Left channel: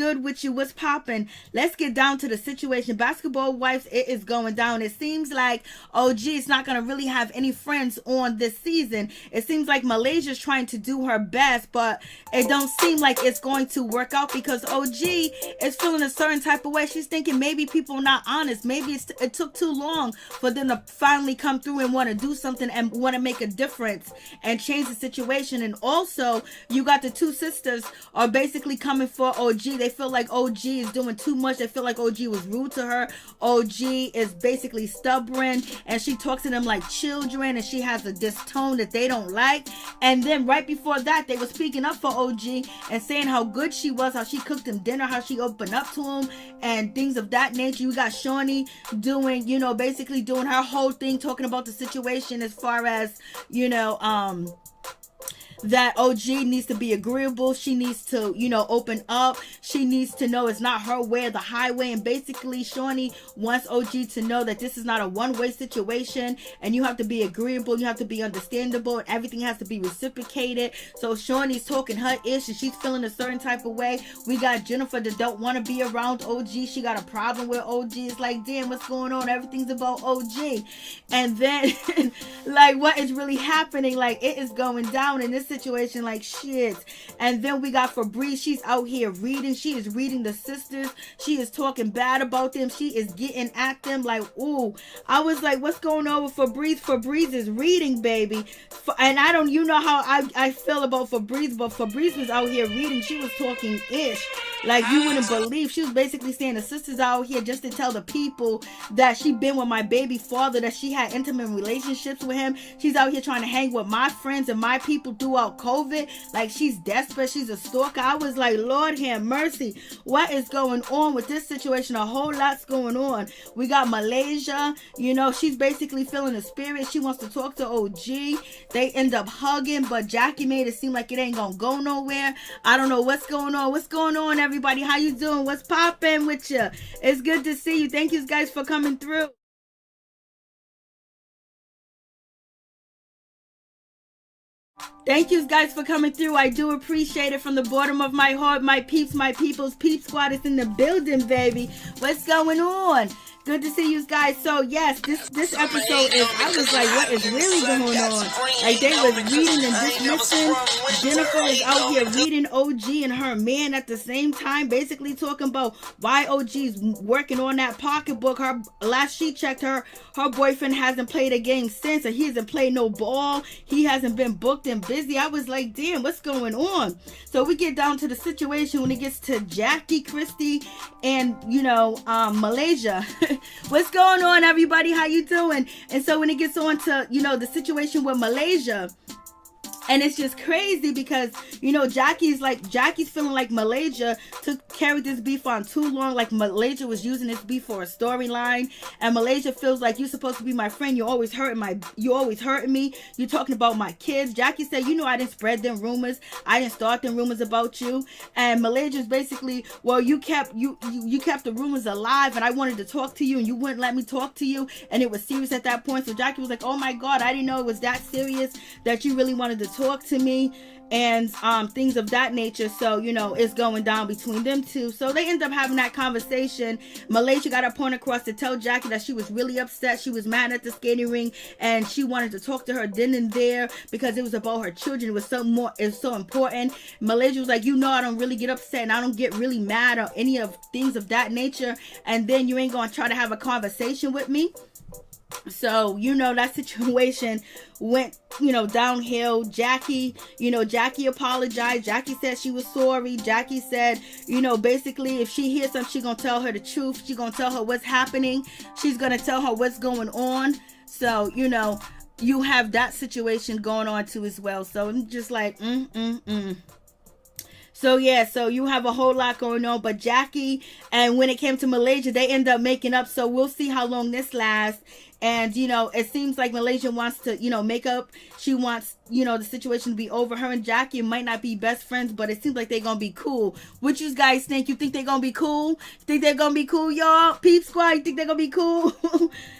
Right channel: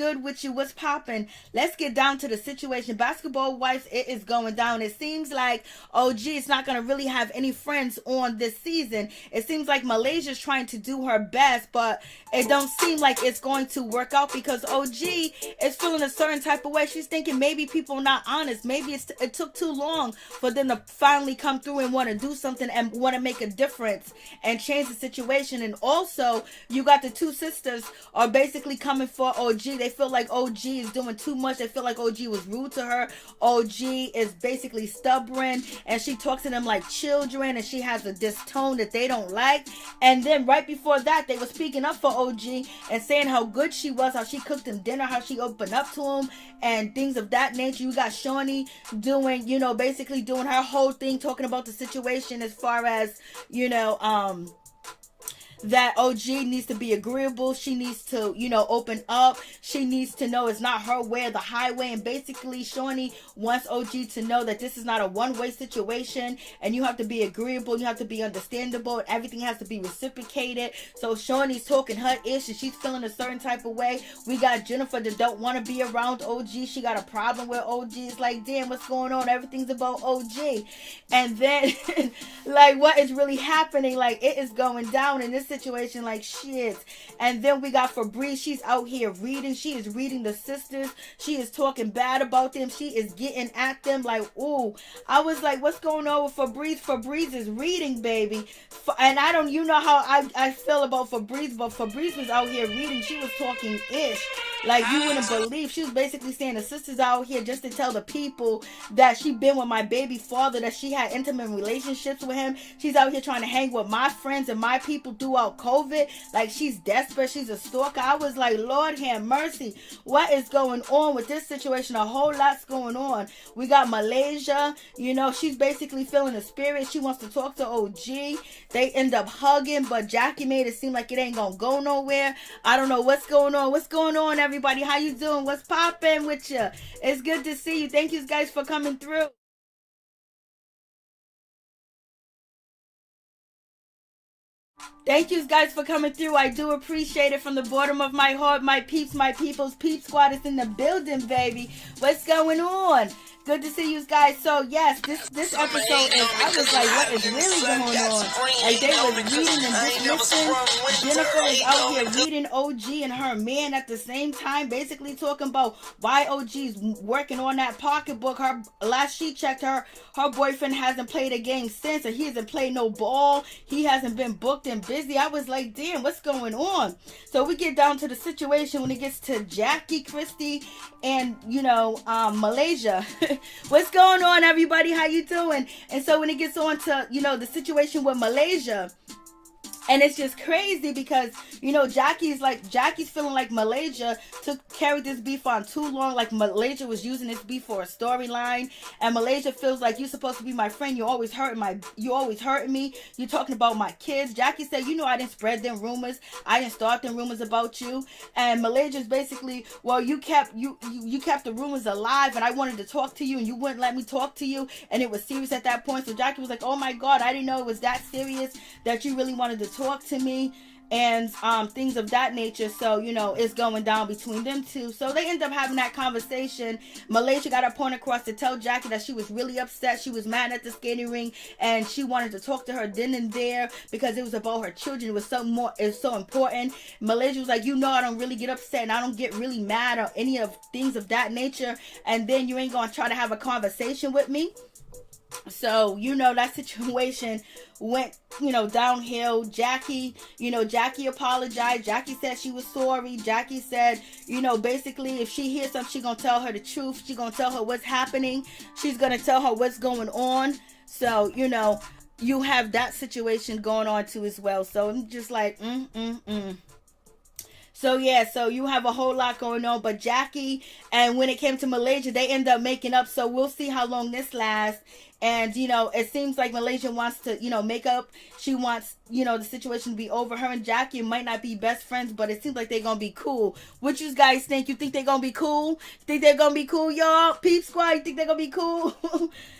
good with you? What's popping? Let's get down to the situation. Basketball Wives, it is going down. It seems like OG is not going to really have any friends on this season. It seems like Malaysia's trying to do her best, but it don't seem like it's going to work out because OG is feeling a certain type of way. She's thinking maybe people are not honest. Maybe it took too long for them to finally come through and want to do something and want to make a difference and change the situation. And also, you got the two sisters are basically coming for OG. They feel like OG is doing too much. They feel like OG was rude to her. OG is basically stubborn and she talks to them like children and she has this tone that they don't like. And then right before that, they were speaking up for OG and saying how good she was, how she cooked them dinner, how she opened up to him and things of that nature. You got Shaunie doing, basically doing her whole thing, talking about the situation as far as, that OG needs to be agreeable. She needs to, open up. She needs to know it's not her way or the highway. And basically, Shaunie wants OG to know that this is not a one-way situation. And you have to be agreeable. You have to be understandable. And everything has to be reciprocated. So Shaunie's talking her ish and she's feeling a certain type of way. We got Jennifer that don't want to be around OG. She got a problem with OG. It's like, damn, what's going on? Everything's about OG. And then, like, what is really happening? Like, it is going down in this situation like shit. And then we got Febreze. She's out here reading. She is reading the sisters. She is talking bad about them. She is getting at them like, ooh. I was like, what's going on with Febreze? Febreze is reading, baby. And I don't, how I feel about Febreze, but Febreze was out here reading. She was talking ish. Like, you wouldn't believe. She was basically saying the sisters out here just to tell the people that she been with my baby father, that she had intimate relationships with him. She's out here trying to hang with my friends and my people throughout COVID. Like, she's desperate. She's a stalker. I was like, Lord have mercy. What is going on with this situation? A whole lot's going on. We got Malaysia. She's basically feeling the spirit. She wants to talk to OG. They end up hugging, but Jackie made it seem like it ain't gonna go nowhere. I don't know what's going on. What's going on, everybody? How you doing? What's popping with you? It's good to see you. Thank you guys for coming through. Thank you guys for coming through. I do appreciate it from the bottom of my heart. My peeps, my peoples, Peep Squad is in the building, baby. What's going on? Good to see you guys. So yes, this episode is, I was like, what is really going on? Like, they was reading and dismissing. Jennifer is out here reading OG and her man at the same time, basically talking about why OG's working on that pocketbook. Her last she checked, her boyfriend hasn't played a game since, and he hasn't played no ball. He hasn't been booked and busy. I was like, damn, what's going on? So we get down to the situation when it gets to Jackie, Christie, and Malaysia. What's going on, everybody? How you doing? And so when it gets on to the situation with Malaysia, and it's just crazy because, Jackie's feeling like Malaysia carried this beef on too long. Like, Malaysia was using this beef for a storyline. And Malaysia feels like, you're supposed to be my friend. You're always hurting me. You're talking about my kids. Jackie said, I didn't spread them rumors. I didn't start them rumors about you. And Malaysia's basically, well, you kept the rumors alive, and I wanted to talk to you, and you wouldn't let me talk to you. And it was serious at that point. So Jackie was like, oh my God, I didn't know it was that serious, that you really wanted to talk to me, and things of that nature. So it's going down between them two. So they end up having that conversation. Malaysia got her point across to tell Jackie that she was really upset. She was mad at the skating ring, and she wanted to talk to her then and there because it was about her children. It was something more. It was so important. Malaysia was like, I don't really get upset and I don't get really mad or any of things of that nature, and then you ain't gonna try to have a conversation with me. So that situation went downhill. Jackie apologized. Jackie said she was sorry. Jackie said basically, if she hears something, she's gonna tell her the truth. She's gonna tell her what's happening. She's gonna tell her what's going on. So you have that situation going on too as well. So I'm just like So yeah, so you have a whole lot going on. But Jackie, and when it came to Malaysia, they end up making up. So we'll see how long this lasts. And, it seems like Malaysia wants to, make up. She wants, the situation to be over. Her and Jackie might not be best friends, but it seems like they're going to be cool. What you guys think? You think they're going to be cool? Think they're going to be cool, y'all? Peep Squad, you think they're going to be cool?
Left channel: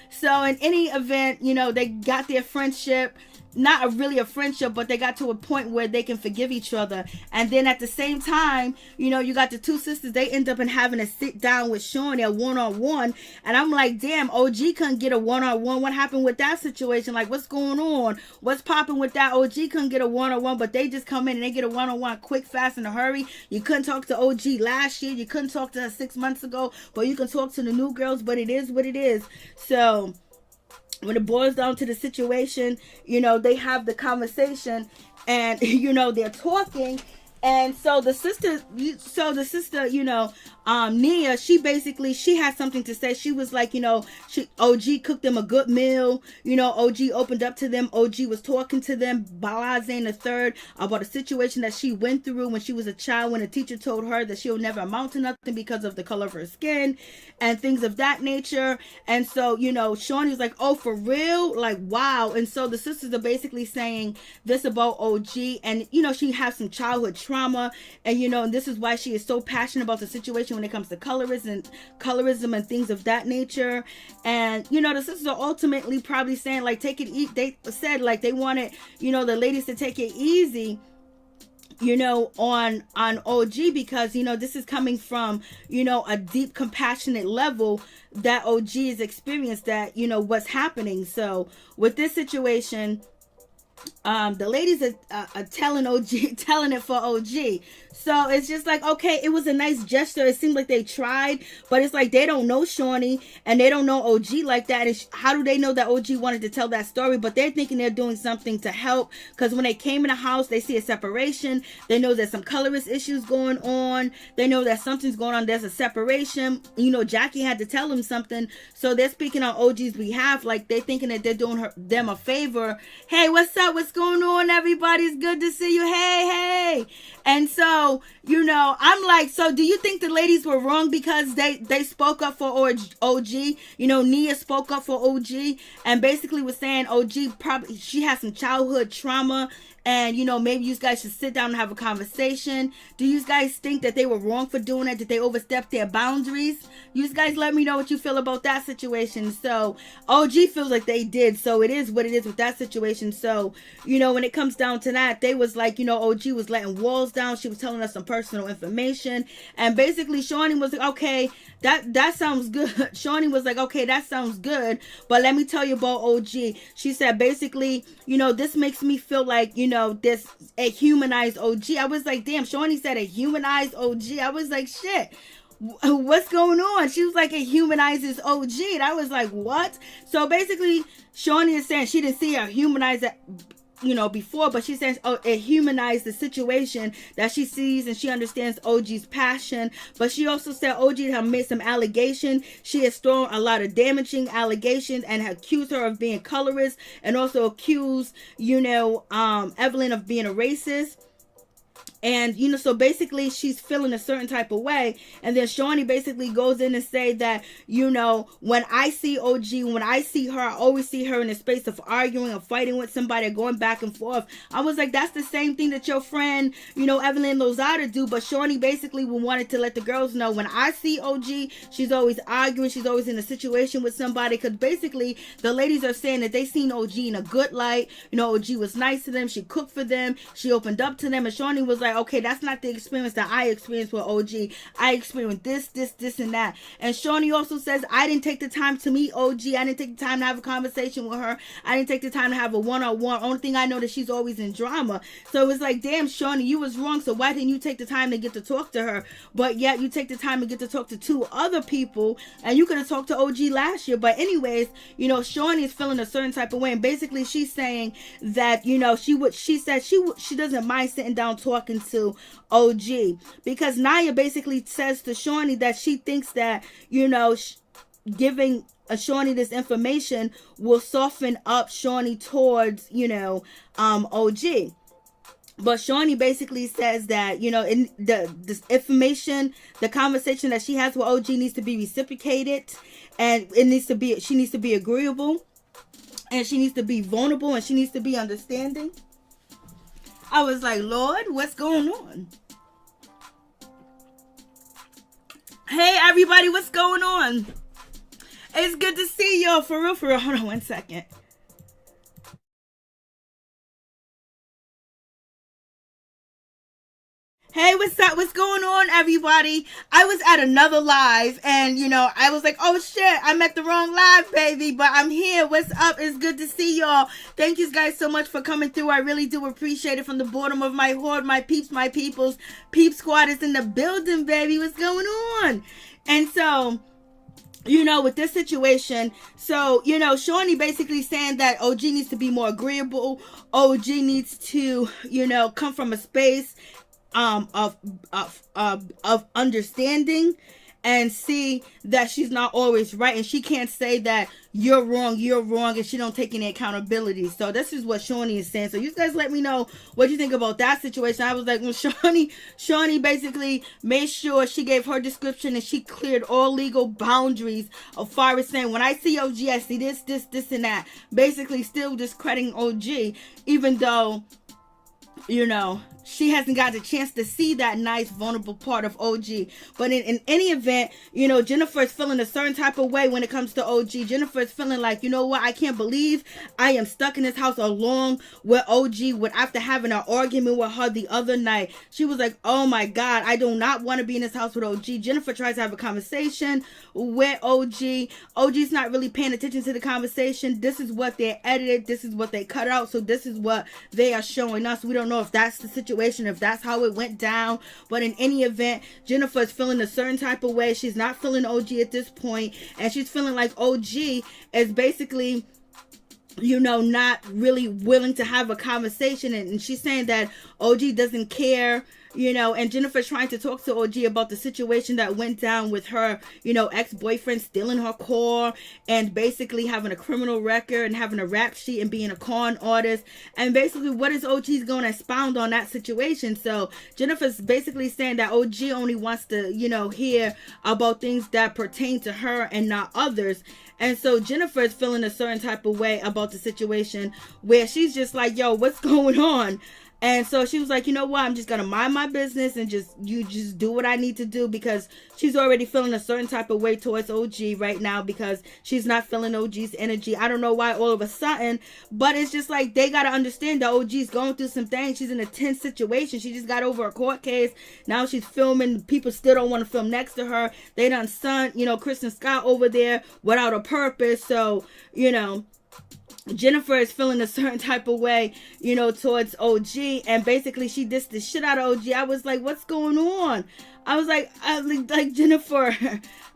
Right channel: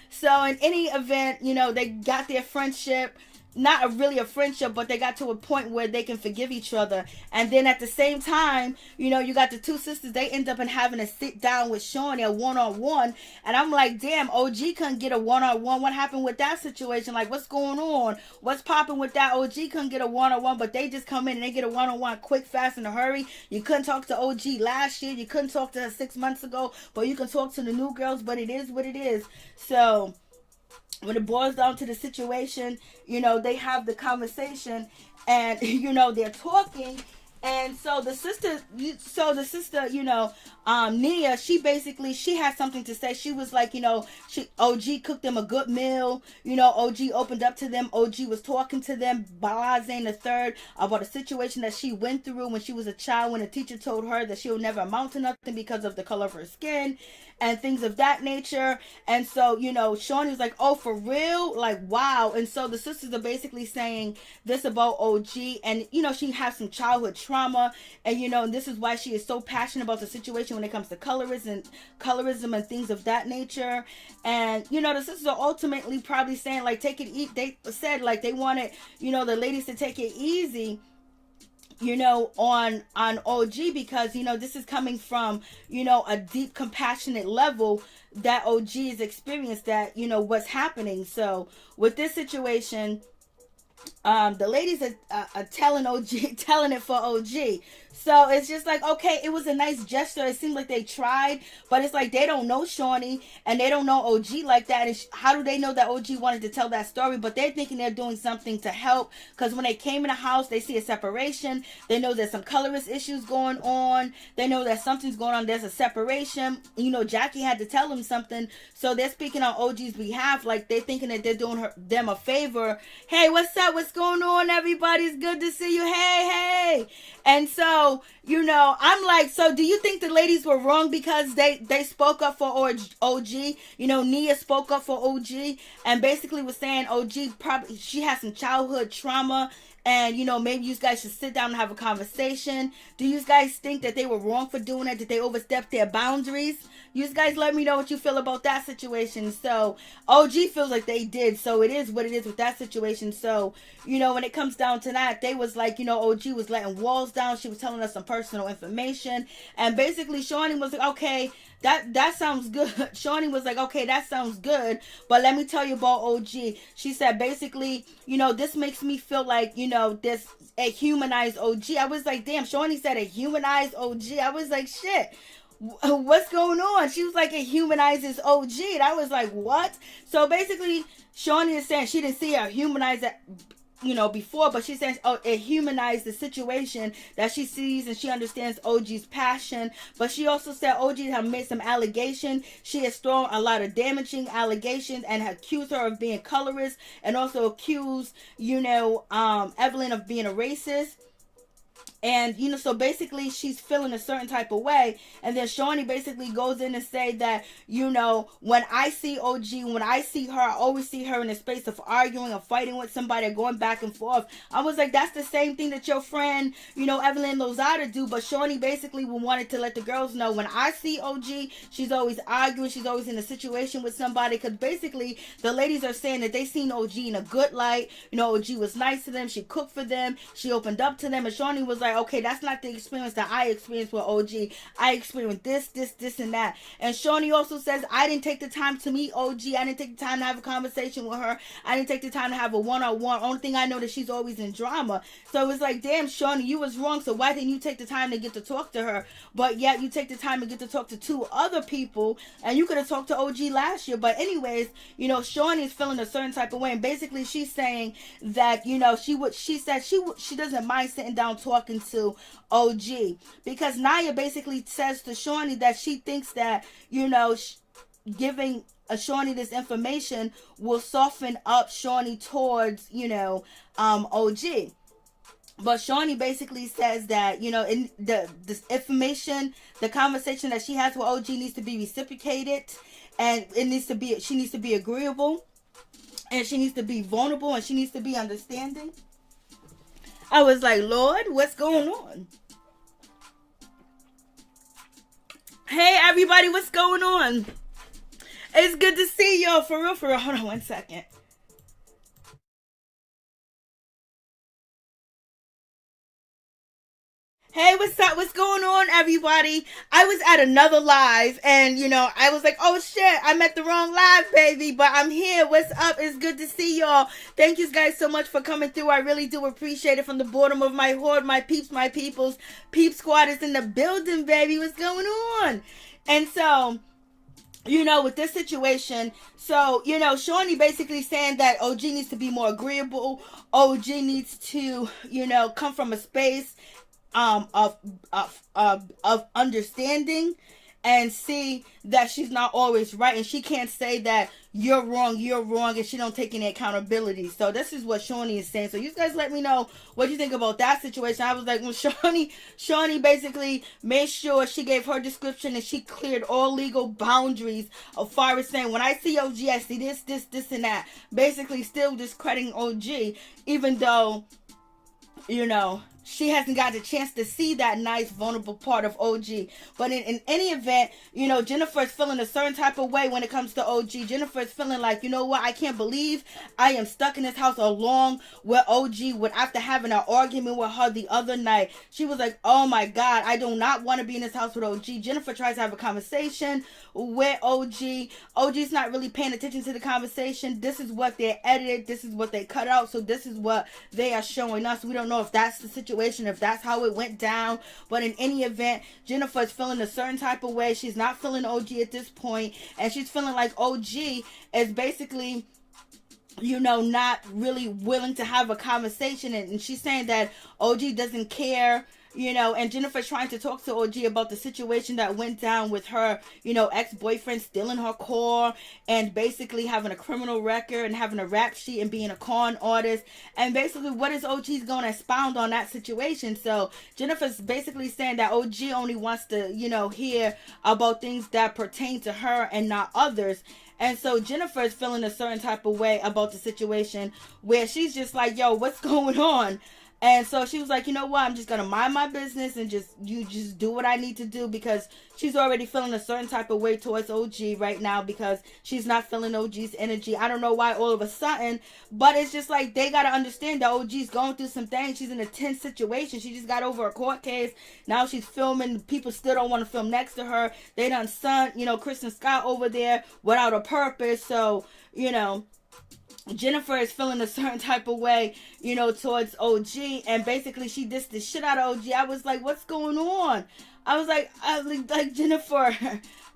So in any event, they got their friendship. not really a friendship, but they got to a point where they can forgive each other. And then at the same time, you know, you got the two sisters, they end up in having to sit down with Shaunie, a one-on-one. And I'm like, damn, OG couldn't get a one-on-one. What happened with that situation? Like, what's going on? What's popping with that? OG couldn't get a one-on-one, but they just come in and they get a one-on-one quick, fast, in a hurry. You couldn't talk to OG last year. You couldn't talk to her 6 months ago, but you can talk to the new girls, but it is what it is. So when it boils down to the situation, you know, they have the conversation and, you know, they're talking. And so the sister, you know, Nia, she had something to say. She was like, you know, OG cooked them a good meal. You know, OG opened up to them. OG was talking to them, Balazane the third, about a situation that she went through when she was a child, when a teacher told her that she'll never amount to nothing because of the color of her skin and things of that nature. And so, you know, Shaunie was like, oh, for real? Like, wow. And so the sisters are basically saying this about OG. And, you know, she has some childhood trauma. And, you know, and this is why she is so passionate about the situation when it comes to colorism and things of that nature. And, you know, the sisters are ultimately probably saying, like, they said, like, they wanted, you know, the ladies to take it easy, you know, on OG, because, you know, this is coming from, you know, a deep compassionate level that OG has experienced, that, you know, what's happening. So with this situation, the ladies are telling it for OG. So it's just like, okay, it was a nice gesture. It seemed like they tried, but it's like they don't know Shaunie and they don't know OG like that. And how do they know that OG wanted to tell that story? But they're thinking they're doing something to help, because when they came in the house, they see a separation. They know there's some colorist issues going on. They know that something's going on. There's a separation. You know, Jackie had to tell them something. So they're speaking on OG's behalf, like they're thinking that they're doing them a favor. Hey, what's up? What's going on, everybody? It's good to see you. Hey. And so, you know, I'm like, so do you think the ladies were wrong because they spoke up for OG? You know, Nia spoke up for OG and basically was saying OG probably, she has some childhood trauma. And, you know, maybe you guys should sit down and have a conversation. Do you guys think that they were wrong for doing it? Did they overstep their boundaries? You guys let me know what you feel about that situation. So, OG feels like they did. So, it is what it is with that situation. So, you know, when it comes down to that, they was like, you know, OG was letting walls down. She was telling us some personal information. And basically, Shaunie was like, okay, that sounds good. Shaunie was like, okay, that sounds good. But let me tell you about OG. She said, basically, you know, this makes me feel like, you know, this a humanized OG. I was like, damn, Shaunie said a humanized OG. I was like, shit, what's going on? She was like, it humanizes OG. And I was like, what? So basically, Shaunie is saying she didn't see her humanize it, you know, before, but she says, oh, it humanized the situation that she sees, and she understands OG's passion. But she also said OG had made some allegations. She has thrown a lot of damaging allegations and accused her of being colorist, and also accused, you know, Evelyn of being a racist. And, you know, so basically she's feeling a certain type of way. And then Shaunie basically goes in and say that, you know, when I see OG, when I see her, I always see her in a space of arguing or fighting with somebody or going back and forth. I was like, that's the same thing that your friend, you know, EvelynLozada do. But Shaunie basically wanted to let the girls know, when I see OG, she's always arguing. She's always in a situation with somebody. Because basically the ladies are saying that they seen OG in a good light. You know, OG was nice to them. She cooked for them. She opened up to them. And Shaunie was like, okay, that's not the experience that I experienced with OG. I experienced this, and that. And Shaunie also says, I didn't take the time to meet OG. I didn't take the time to have a conversation with her. I didn't take the time to have a one-on-one. Only thing I know that she's always in drama. So it was like, damn, Shaunie, you was wrong. So why didn't you take the time to get to talk to her? But yet you take the time to get to talk to two other people, and you could have talked to OG last year. But anyways, you know, Shaunie is feeling a certain type of way, and basically she's saying that, you know, she doesn't mind sitting down talking to OG, because Nia basically says to Shaunie that she thinks that, you know, giving Shaunie this information will soften up Shaunie towards, you know, OG. But Shaunie basically says that, you know, in this information, the conversation that she has with OG needs to be reciprocated, and she needs to be agreeable, and she needs to be vulnerable, and she needs to be understanding. I was like, Lord, what's going on? Hey, everybody, what's going on? It's good to see y'all, for real. Hold on one second. what's up? What's going on, everybody? I was at another live, and, you know, I was like, oh, shit, I'm at the wrong live, baby, but I'm here. What's up? It's good to see y'all. Thank you guys so much for coming through. I really do appreciate it from the bottom of my heart. My peeps, my peoples. Peep Squad is in the building, baby. What's going on? And so, you know, with this situation, so, you know, Shaunie basically saying that OG needs to be more agreeable. OG needs to, you know, come from a space of understanding and see that she's not always right, and she can't say that you're wrong, and she don't take any accountability. So this is what Shaunie is saying. So you guys let me know what you think about that situation. I was like, well, Shaunie basically made sure she gave her description and she cleared all legal boundaries of far as saying, when I see OG, I see this, and that. Basically still discrediting OG, even though, you know, she hasn't got a chance to see that nice, vulnerable part of OG. But in any event, you know, Jennifer is feeling a certain type of way when it comes to OG. Jennifer is feeling like, you know what, I can't believe I am stuck in this house along with OG after having an argument with her the other night. She was like, oh my God, I do not want to be in this house with OG. Jennifer tries to have a conversation with OG. OG's not really paying attention to the conversation. This is what they edited. This is what they cut out. So this is what they are showing us. We don't know if that's the situation, if that's how it went down. But in any event, Jennifer is feeling a certain type of way. She's not feeling OG at this point, and she's feeling like OG is basically, you know, not really willing to have a conversation, and she's saying that OG doesn't care, you know. And Jennifer's trying to talk to OG about the situation that went down with her, you know, ex-boyfriend stealing her car and basically having a criminal record and having a rap sheet and being a con artist. And basically, what is OG's going to expound on that situation? So Jennifer's basically saying that OG only wants to, you know, hear about things that pertain to her and not others. And so Jennifer is feeling a certain type of way about the situation where she's just like, yo, what's going on? And so she was like, you know what, I'm just going to mind my business and just do what I need to do, because she's already feeling a certain type of way towards OG right now because she's not feeling OG's energy. I don't know why all of a sudden, but it's just like they got to understand that OG's going through some things. She's in a tense situation. She just got over a court case. Now she's filming. People still don't want to film next to her. They done sent, you know, Kristen Scott over there without a purpose. So, you know, Jennifer is feeling a certain type of way, you know, towards OG, and basically she dissed the shit out of OG. I was like, what's going on? I was like Jennifer,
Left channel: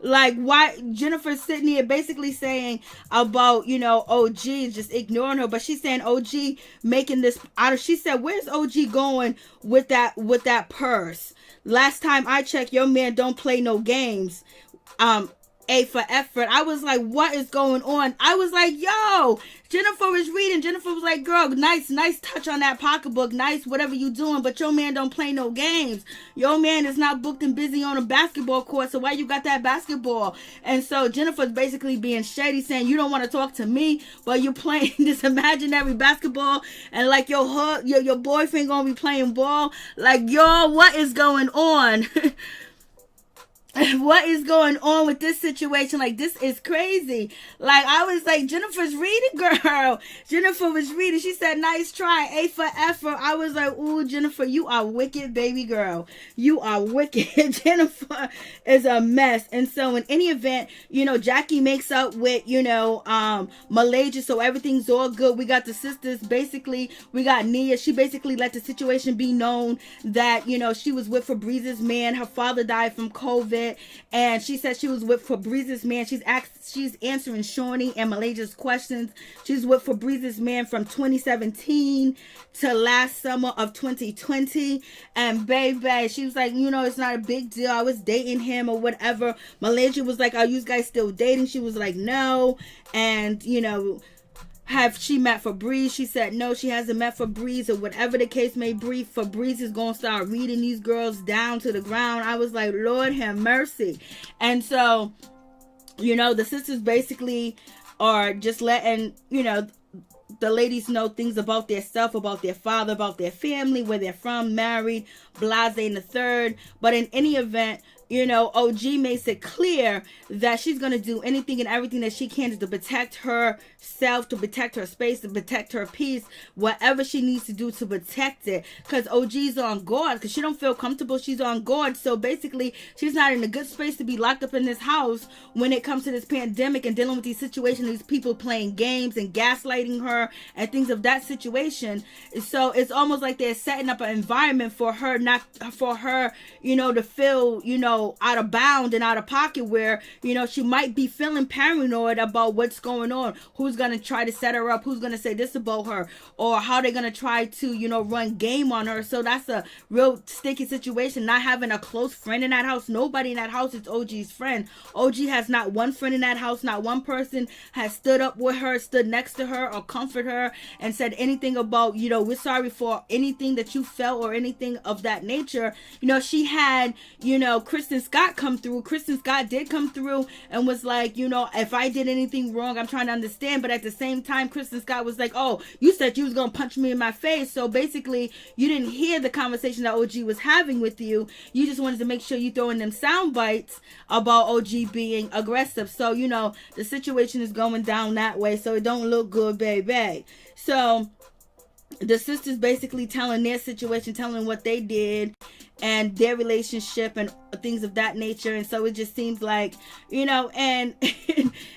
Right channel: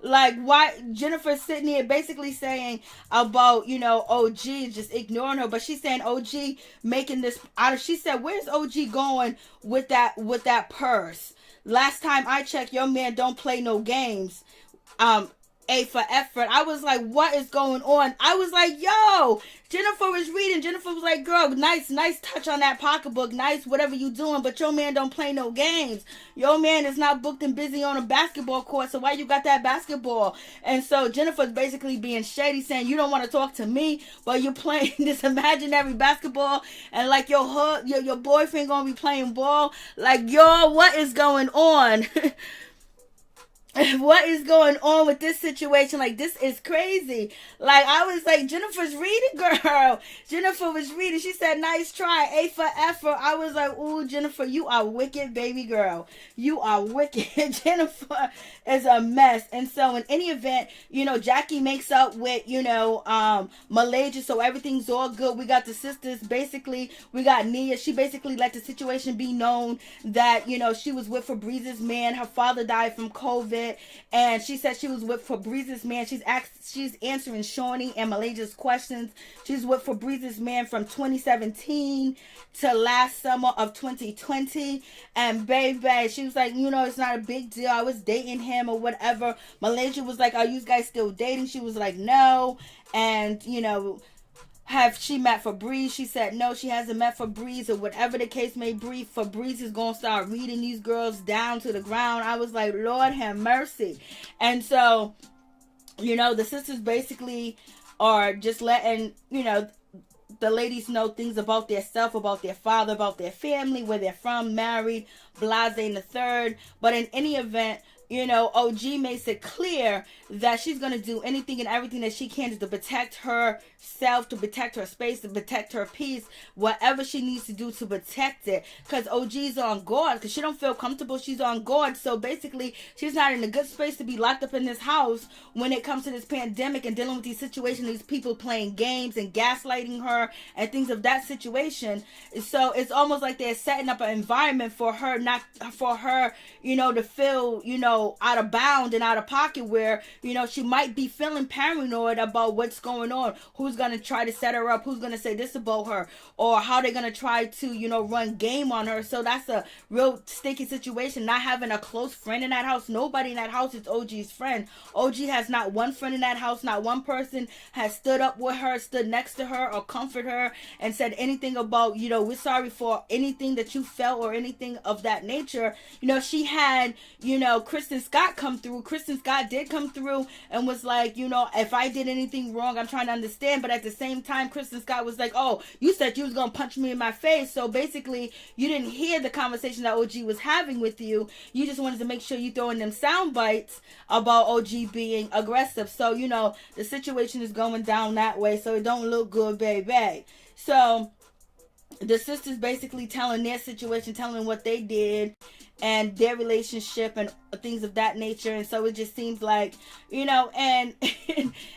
like, why? Jennifer's sitting here basically saying about, you know, OG just ignoring her, but she's saying OG making this out of, she said, where's OG going with that purse? Last time I checked, your man don't play no games. A for effort. I was like, what is going on? I was like, yo, Jennifer was reading. Jennifer was like, girl, nice touch on that pocketbook. Nice, whatever you doing. But your man don't play no games. Your man is not booked and busy on a basketball court. So why you got that basketball? And so Jennifer's basically being shady, saying you don't want to talk to me, but you playing this imaginary basketball, and like your boyfriend gonna be playing ball. Like, yo, what is going on? What is going on with this situation? Like, this is crazy. Like, I was like, Jennifer's reading, girl. Jennifer was reading. She said, nice try. A for effort. I was like, ooh, Jennifer, you are wicked, baby girl. You are wicked. Jennifer is a mess. And so in any event, you know, Jackie makes up with, you know, Malaysia. So everything's all good. We got the sisters. Basically, we got Nia. She basically let the situation be known that, you know, she was with Febrez's man. Her father died from COVID. And she said she was with Febrez's man. She's answering Shaunie and Malaysia's questions. She's with Febrez's man from 2017 to last summer of 2020. And baby, she was like, you know, it's not a big deal. I was dating him or whatever. Malaysia was like, are you guys still dating? She was like, no. And, you know, have she met Febreze? She said no, she hasn't met Febreze, or whatever the case may be. Febreze is gonna start reading these girls down to the ground. I was like, Lord have mercy. And so, you know, the sisters basically are just letting, you know, the ladies know things about their self, about their father, about their family, where they're from, married, blase in the third. But in any event, OG makes it clear that she's going to do anything and everything that she can to protect herself, to protect her space, to protect her peace, whatever she needs to do to protect it. Because OG's on guard, because she don't feel comfortable. She's on guard. So basically, she's not in a good space to be locked up in this house when it comes to this pandemic and dealing with these situations, these people playing games and gaslighting her and things of that situation. So it's almost like they're setting up an environment for her, to feel, out of bound and out of pocket, where, she might be feeling paranoid about what's going on, who's going to try to set her up, who's going to say this about her, or how they're going to try to, run game on her. So that's a real sticky situation, not having a close friend in that house. Nobody in that house is OG's friend. OG has not one friend in that house. Not one person has stood up with her, stood next to her, or comfort her and said anything about, we're sorry for anything that you felt or anything of that nature. She had, Kristen Scott come through. Kristen Scott did come through and was like, if I did anything wrong, I'm trying to understand. But at the same time, Kristen Scott was like, oh, you said you was going to punch me in my face. So basically, you didn't hear the conversation that OG was having with you. You just wanted to make sure you throw in them sound bites about OG being aggressive. So, the situation is going down that way. So it don't look good, baby. So the sisters basically telling their situation, telling what they did and their relationship and things of that nature. And so it just seems like, and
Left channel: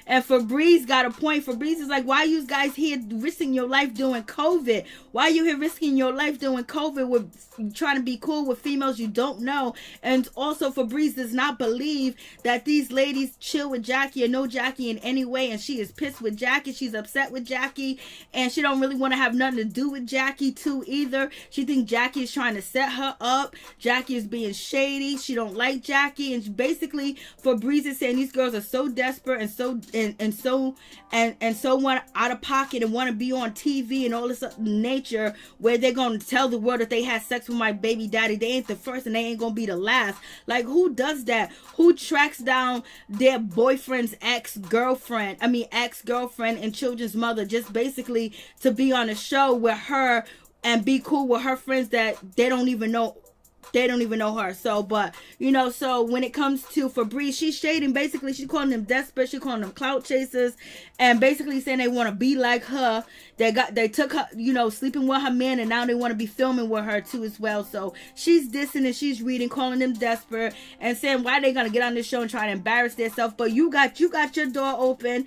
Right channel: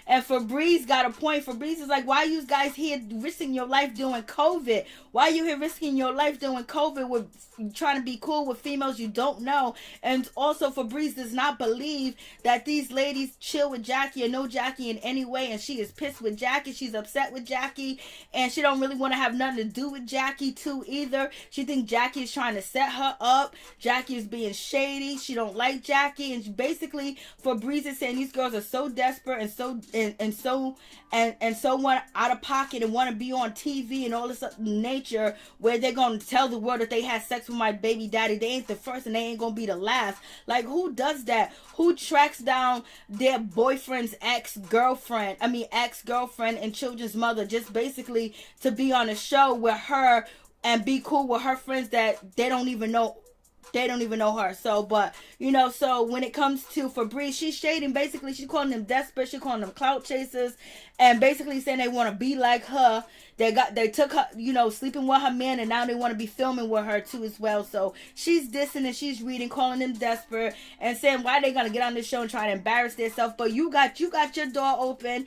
Febreze got a point. Febreze is like, why you guys here risking your life doing COVID? Why are you here risking your life doing COVID with trying to be cool with females you don't know? And also Febreze does not believe that these ladies chill with Jackie or know Jackie in any way, and she is pissed with Jackie. She's upset with Jackie, and she don't really want to have nothing to do with Jackie too either. She thinks Jackie is trying to set her up. Jackie is being shady. She don't like Jackie, and basically Febreze is saying these girls are so desperate and so want out of pocket and want to be on TV and all this nature, where they're going to tell the world that they had sex with my baby daddy. They ain't the first and they ain't going to be the last. Like, who does that? Who tracks down their boyfriend's ex-girlfriend and children's mother just basically to be on a show with her and be cool with her friends that they don't even know her. So, but, so when it comes to Febreze, she's shading. Basically, she's calling them desperate. She's calling them clout chasers, and basically saying they want to be like her. They took her, sleeping with her man, and now they want to be filming with her too as well. So she's dissing and she's reading, calling them desperate, and saying why they gonna get on this show and try to embarrass themselves. But you got your door open.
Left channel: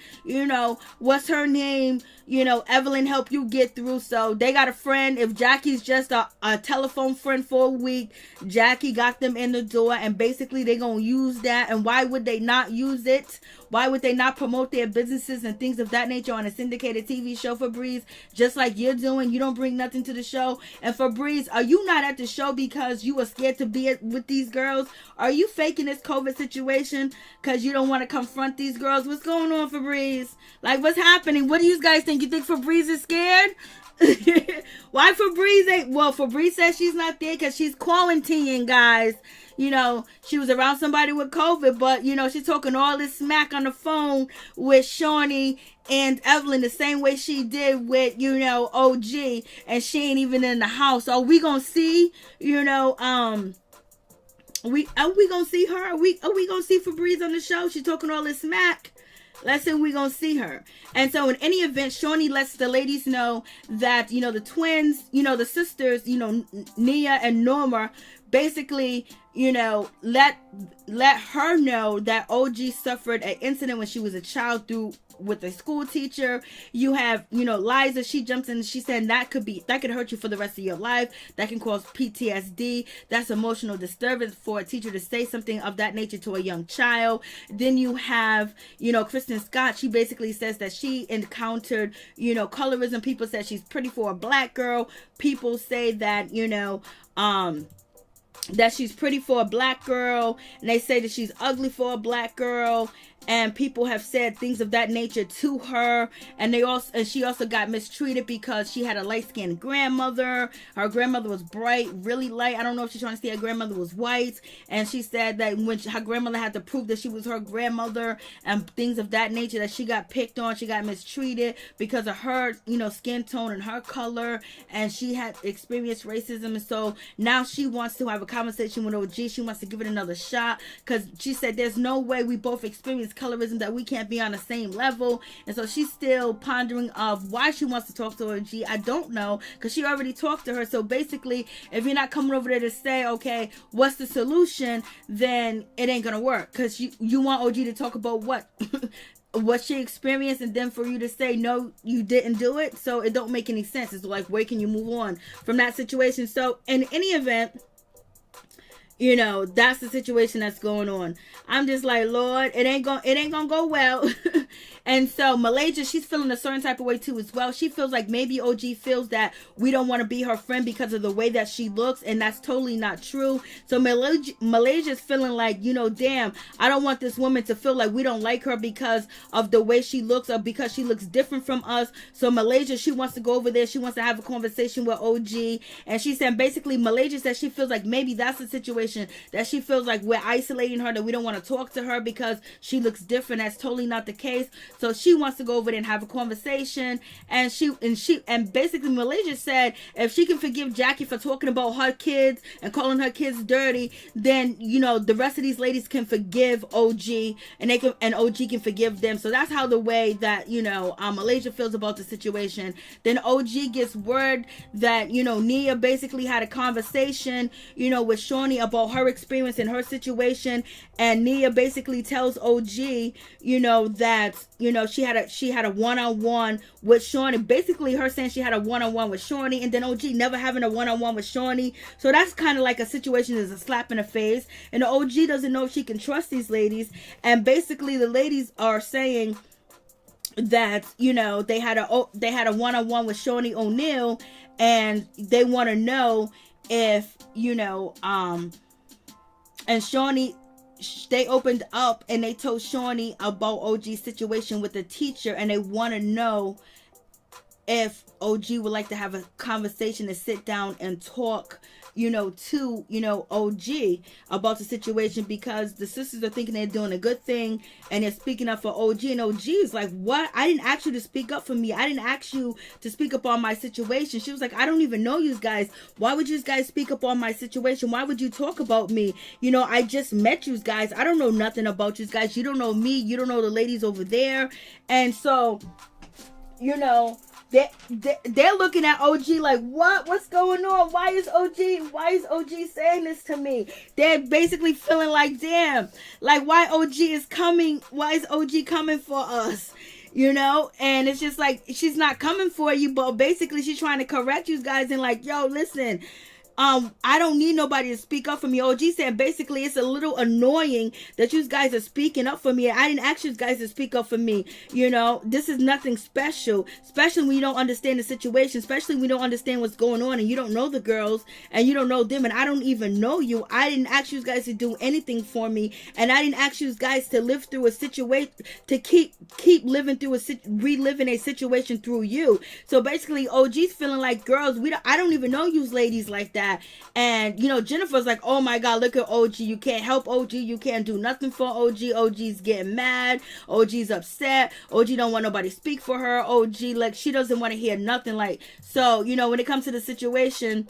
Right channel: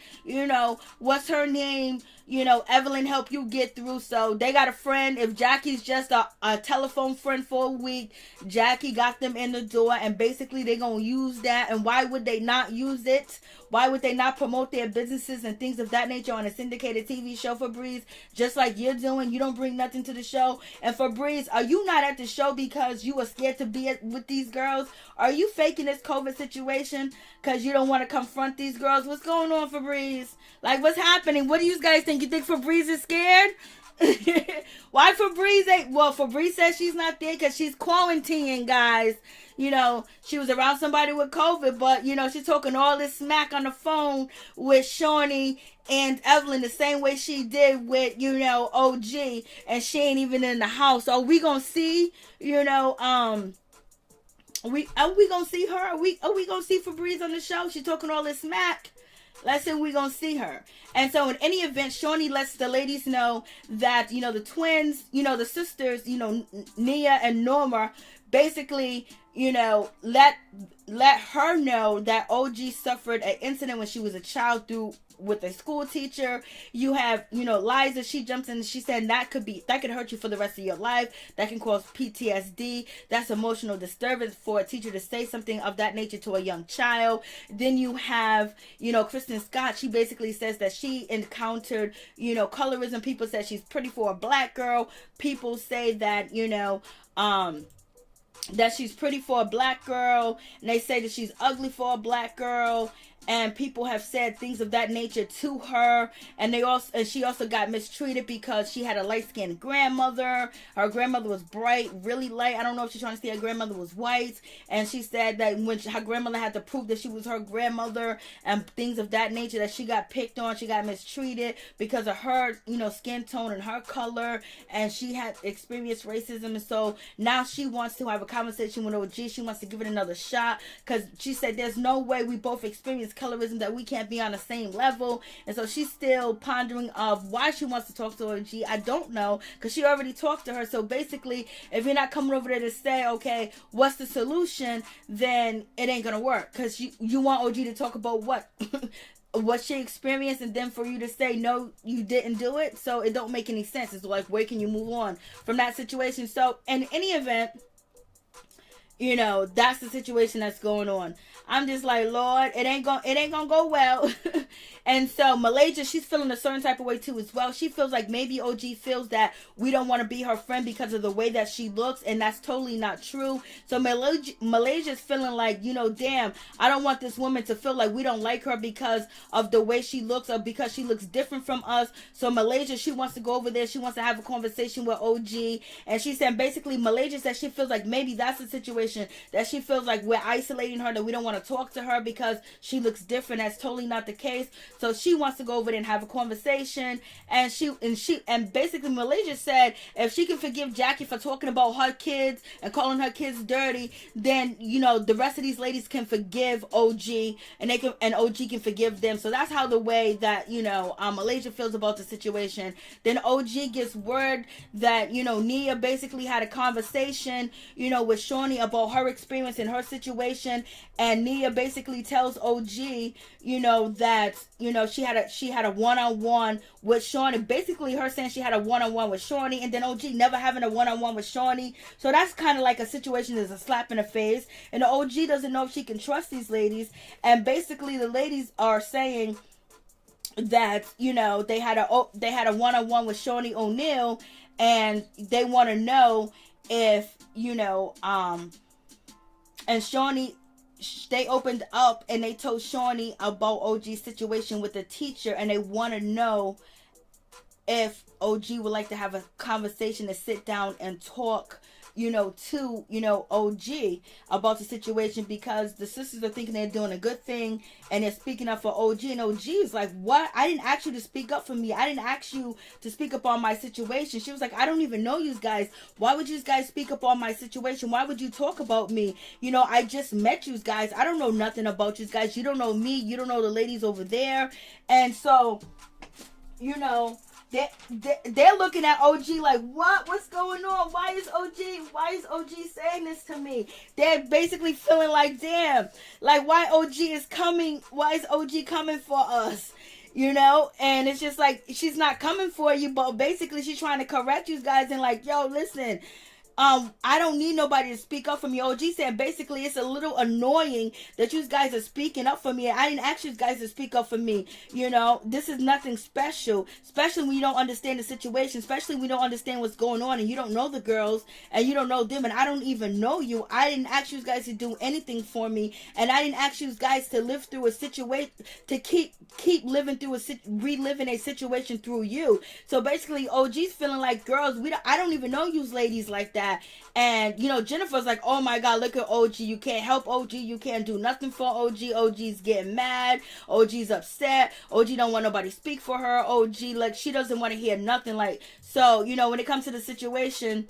What's her name? Evelyn helped you get through. So they got a friend. If Jackie's just a telephone friend for a week, Jackie got them in the door, and basically they gonna use that. And why would they not use it? Why would they not promote their businesses and things of that nature on a syndicated TV show, Febreze? Just like you're doing. You don't bring nothing to the show. And Febreze, are you not at the show because you were scared to be with these girls? Are you faking this COVID situation because you don't want to confront these girls? What's going on, Febreze? Like, what's happening? What do you guys think? You think Febreze is scared? Why Febreze ain't? Well, Febreze says she's not there because she's quarantining, guys. She was around somebody with COVID, but, she's talking all this smack on the phone with Shaunie and Evelyn the same way she did with, OG, and she ain't even in the house. Are we gonna see, are we gonna see her? Are we gonna see Febreze on the show? She's talking all this smack. Let's say we're going to see her. And so in any event, Shaunie lets the ladies know that, the twins, the sisters, Nia and Norma, basically, let her know that OG suffered an incident when she was a child with a school teacher. You have, Liza, she jumps in and she said that could hurt you for the rest of your life. That can cause PTSD. That's emotional disturbance for a teacher to say something of that nature to a young child. Then you have, Kristen Scott. She basically says that she encountered, colorism. People said she's pretty for a black girl. People say that, that she's pretty for a black girl, and they say that she's ugly for a black girl, and people have said things of that nature to her. And she also got mistreated because she had a light-skinned grandmother. Her grandmother was bright, really light. I don't know if she's trying to say her grandmother was white, and she said that when her grandmother had to prove that she was her grandmother and things of that nature, that she got picked on, she got mistreated because of her skin tone and her color, and she had experienced racism. And so now she wants to have a conversation with OG. She wants to give it another shot because she said there's no way we both experience colorism that we can't be on the same level. And so she's still pondering of why she wants to talk to OG. I don't know, because she already talked to her. So basically, if you're not coming over there to say, okay, what's the solution, then it ain't gonna work, because you want OG to talk about what what she experienced, and then for you to say no, you didn't do it. So it don't make any sense. It's like, where can you move on from that situation? So in any event, you know, that's the situation that's going on. I'm just like, Lord, it ain't gonna go well. And so Malaysia, she's feeling a certain type of way too as well. She feels like maybe OG feels that we don't want to be her friend because of the way that she looks, and that's totally not true. So Malaysia's feeling like, you know, damn, I don't want this woman to feel like we don't like her because of the way she looks or because she looks different from us. So Malaysia, she wants to go over there. She wants to have a conversation with OG. And she said basically, Malaysia said she feels like maybe that's the situation, that she feels like we're isolating her, that we don't want to talk to her because she looks different. That's totally not the case. So she wants to go over there and have a conversation. And basically Malaysia said if she can forgive Jackie for talking about her kids and calling her kids dirty, then, you know, the rest of these ladies can forgive OG, and OG can forgive them. So that's how the way that, you know, Malaysia feels about the situation. Then OG gets word that, you know, Nia basically had a conversation, you know, with Shaunie about her experience in her situation, and Nia basically tells OG, you know, that, you know, she had a one-on-one with Shaunie. Basically her saying she had a one-on-one with Shaunie, and then OG never having a one-on-one with Shaunie. So that's kind of like a situation that's a slap in the face, and the OG doesn't know if she can trust these ladies. And basically the ladies are saying that, you know, they had a one-on-one with Shaunie O'Neal, and they want to know if, you know, and Shaunie, they opened up and they told Shaunie about OG's situation with the teacher, and they want to know if OG would like to have a conversation and sit down and talk, you know, to, you know, OG about the situation, because the sisters are thinking they're doing a good thing and they're speaking up for OG, and OG is like, what? I didn't ask you to speak up for me. I didn't ask you to speak up on my situation. She was like, I don't even know you guys. Why would you guys speak up on my situation? Why would you talk about me? You know, I just met you guys. I don't know nothing about you guys. You don't know me. You don't know the ladies over there. And so, you know, they're looking at OG like, what's going on? Why is OG saying this to me? They're basically feeling like, damn, like, why is OG coming for us? You know, and it's just like, she's not coming for you, but basically she's trying to correct you guys and like, yo, listen, I don't need nobody to speak up for me. OG said basically it's a little annoying that you guys are speaking up for me. I didn't ask you guys to speak up for me. You know, this is nothing special, especially when you don't understand the situation, especially when you don't understand what's going on and you don't know the girls and you don't know them, and I don't even know you. I didn't ask you guys to do anything for me, and I didn't ask you guys to live through a situation, to keep living through reliving a situation through you. So basically OG's feeling like, girls, I don't even know you ladies like that. And, you know, Jennifer's like, oh my God, look at OG. You can't help OG. You can't do nothing for OG. OG's getting mad. OG's upset. OG don't want nobody to speak for her. OG, like, she doesn't want to hear nothing. Like, so, you know, when it comes to the situation,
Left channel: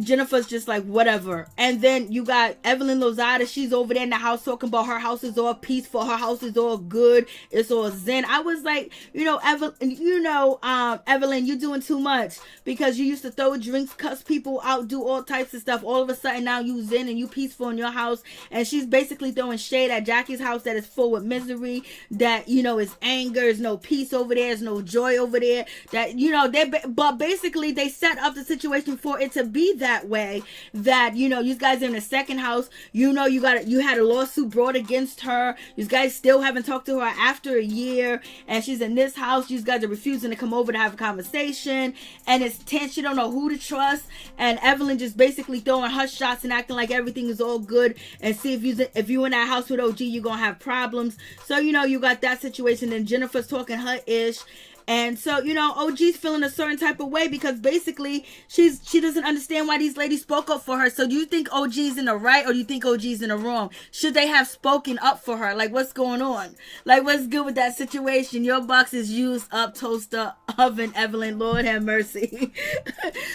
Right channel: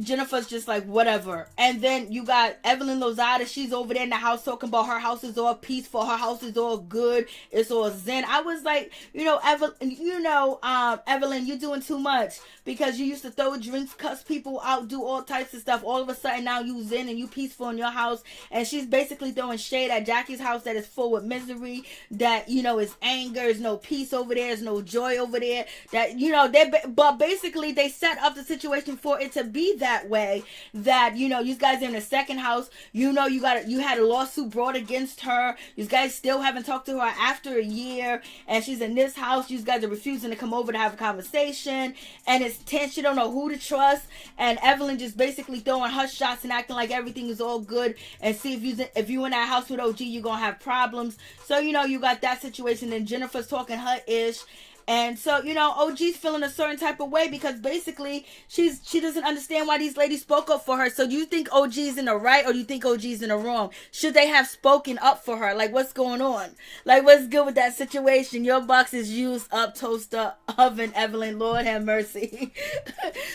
Jennifer's just like, whatever. And then you got EvelynLozada. She's over there in the house talking about her house is all peaceful. Her house is all good. It's all zen. I was like, you know, Evelyn, you're doing too much, because you used to throw drinks, cuss people out, do all types of stuff. All of a sudden now you zen and you peaceful in your house. And she's basically throwing shade at Jackie's house that is full with misery, that, you know, is anger, is no peace over there, is no joy over there. That, you know, but basically they set up the situation for it to be that way, that, you know, you guys are in the second house, you know, you had a lawsuit brought against her, you guys still haven't talked to her after a year, and she's in this house, you guys are refusing to come over to have a conversation, and it's tense, you don't know who to trust, and Evelyn just basically throwing her shots and acting like everything is all good, and see if you in that house with OG, you're gonna have problems. So, you know, you got that situation, and Jennifer's talking her ish. And so, you know, OG's feeling a certain type of way because basically she doesn't understand why these ladies spoke up for her. So do you think OG's in the right or do you think OG's in the wrong? Should they have spoken up for her? Like, what's going on? Like, what's good with that situation? Your box is used up, toaster, oven, Evelyn, Lord have mercy.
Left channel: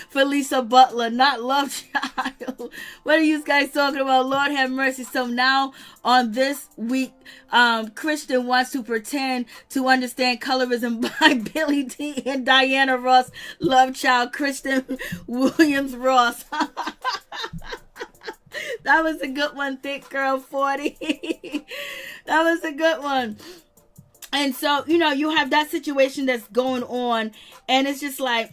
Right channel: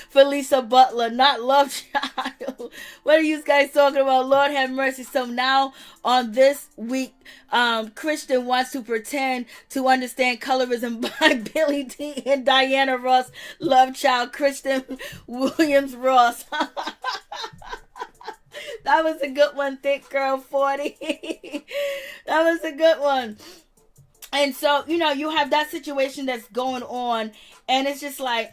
Felicia Butler, not love child. What are you guys talking about? Lord have mercy. So now on this week, Kristen wants to pretend to understand colorism by Billy D and Diana Ross, love child, Kristen Williams Ross. That was a good one, thick girl 40. That was a good one. And so, you know, you have that situation that's going on, and it's just like,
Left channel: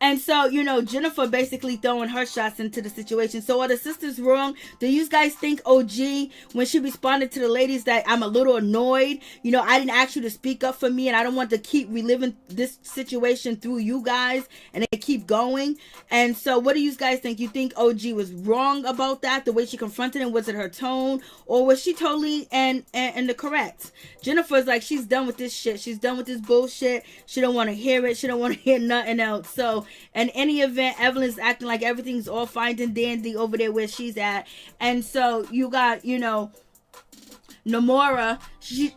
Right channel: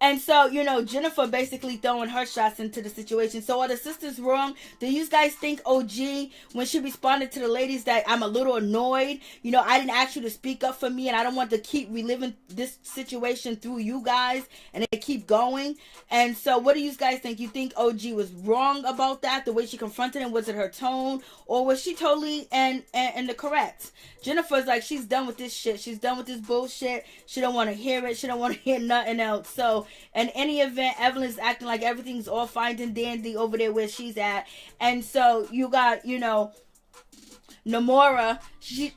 And so, you know, Jennifer basically throwing her shots into the situation. So are the sisters wrong? Do you guys think OG, when she responded to the ladies, that I'm a little annoyed? You know, I didn't ask you to speak up for me, and I don't want to keep reliving this situation through you guys, and they keep going. And so what do you guys think? You think OG was wrong about that? The way she confronted him? Was it her tone? Or was she totally in the correct? Jennifer's like, she's done with this shit. She's done with this bullshit. She don't want to hear it. She don't want to hear nothing else. So in any event, Evelyn's acting like everything's all fine and dandy over there where she's at. And so you got, you know, Noria, she's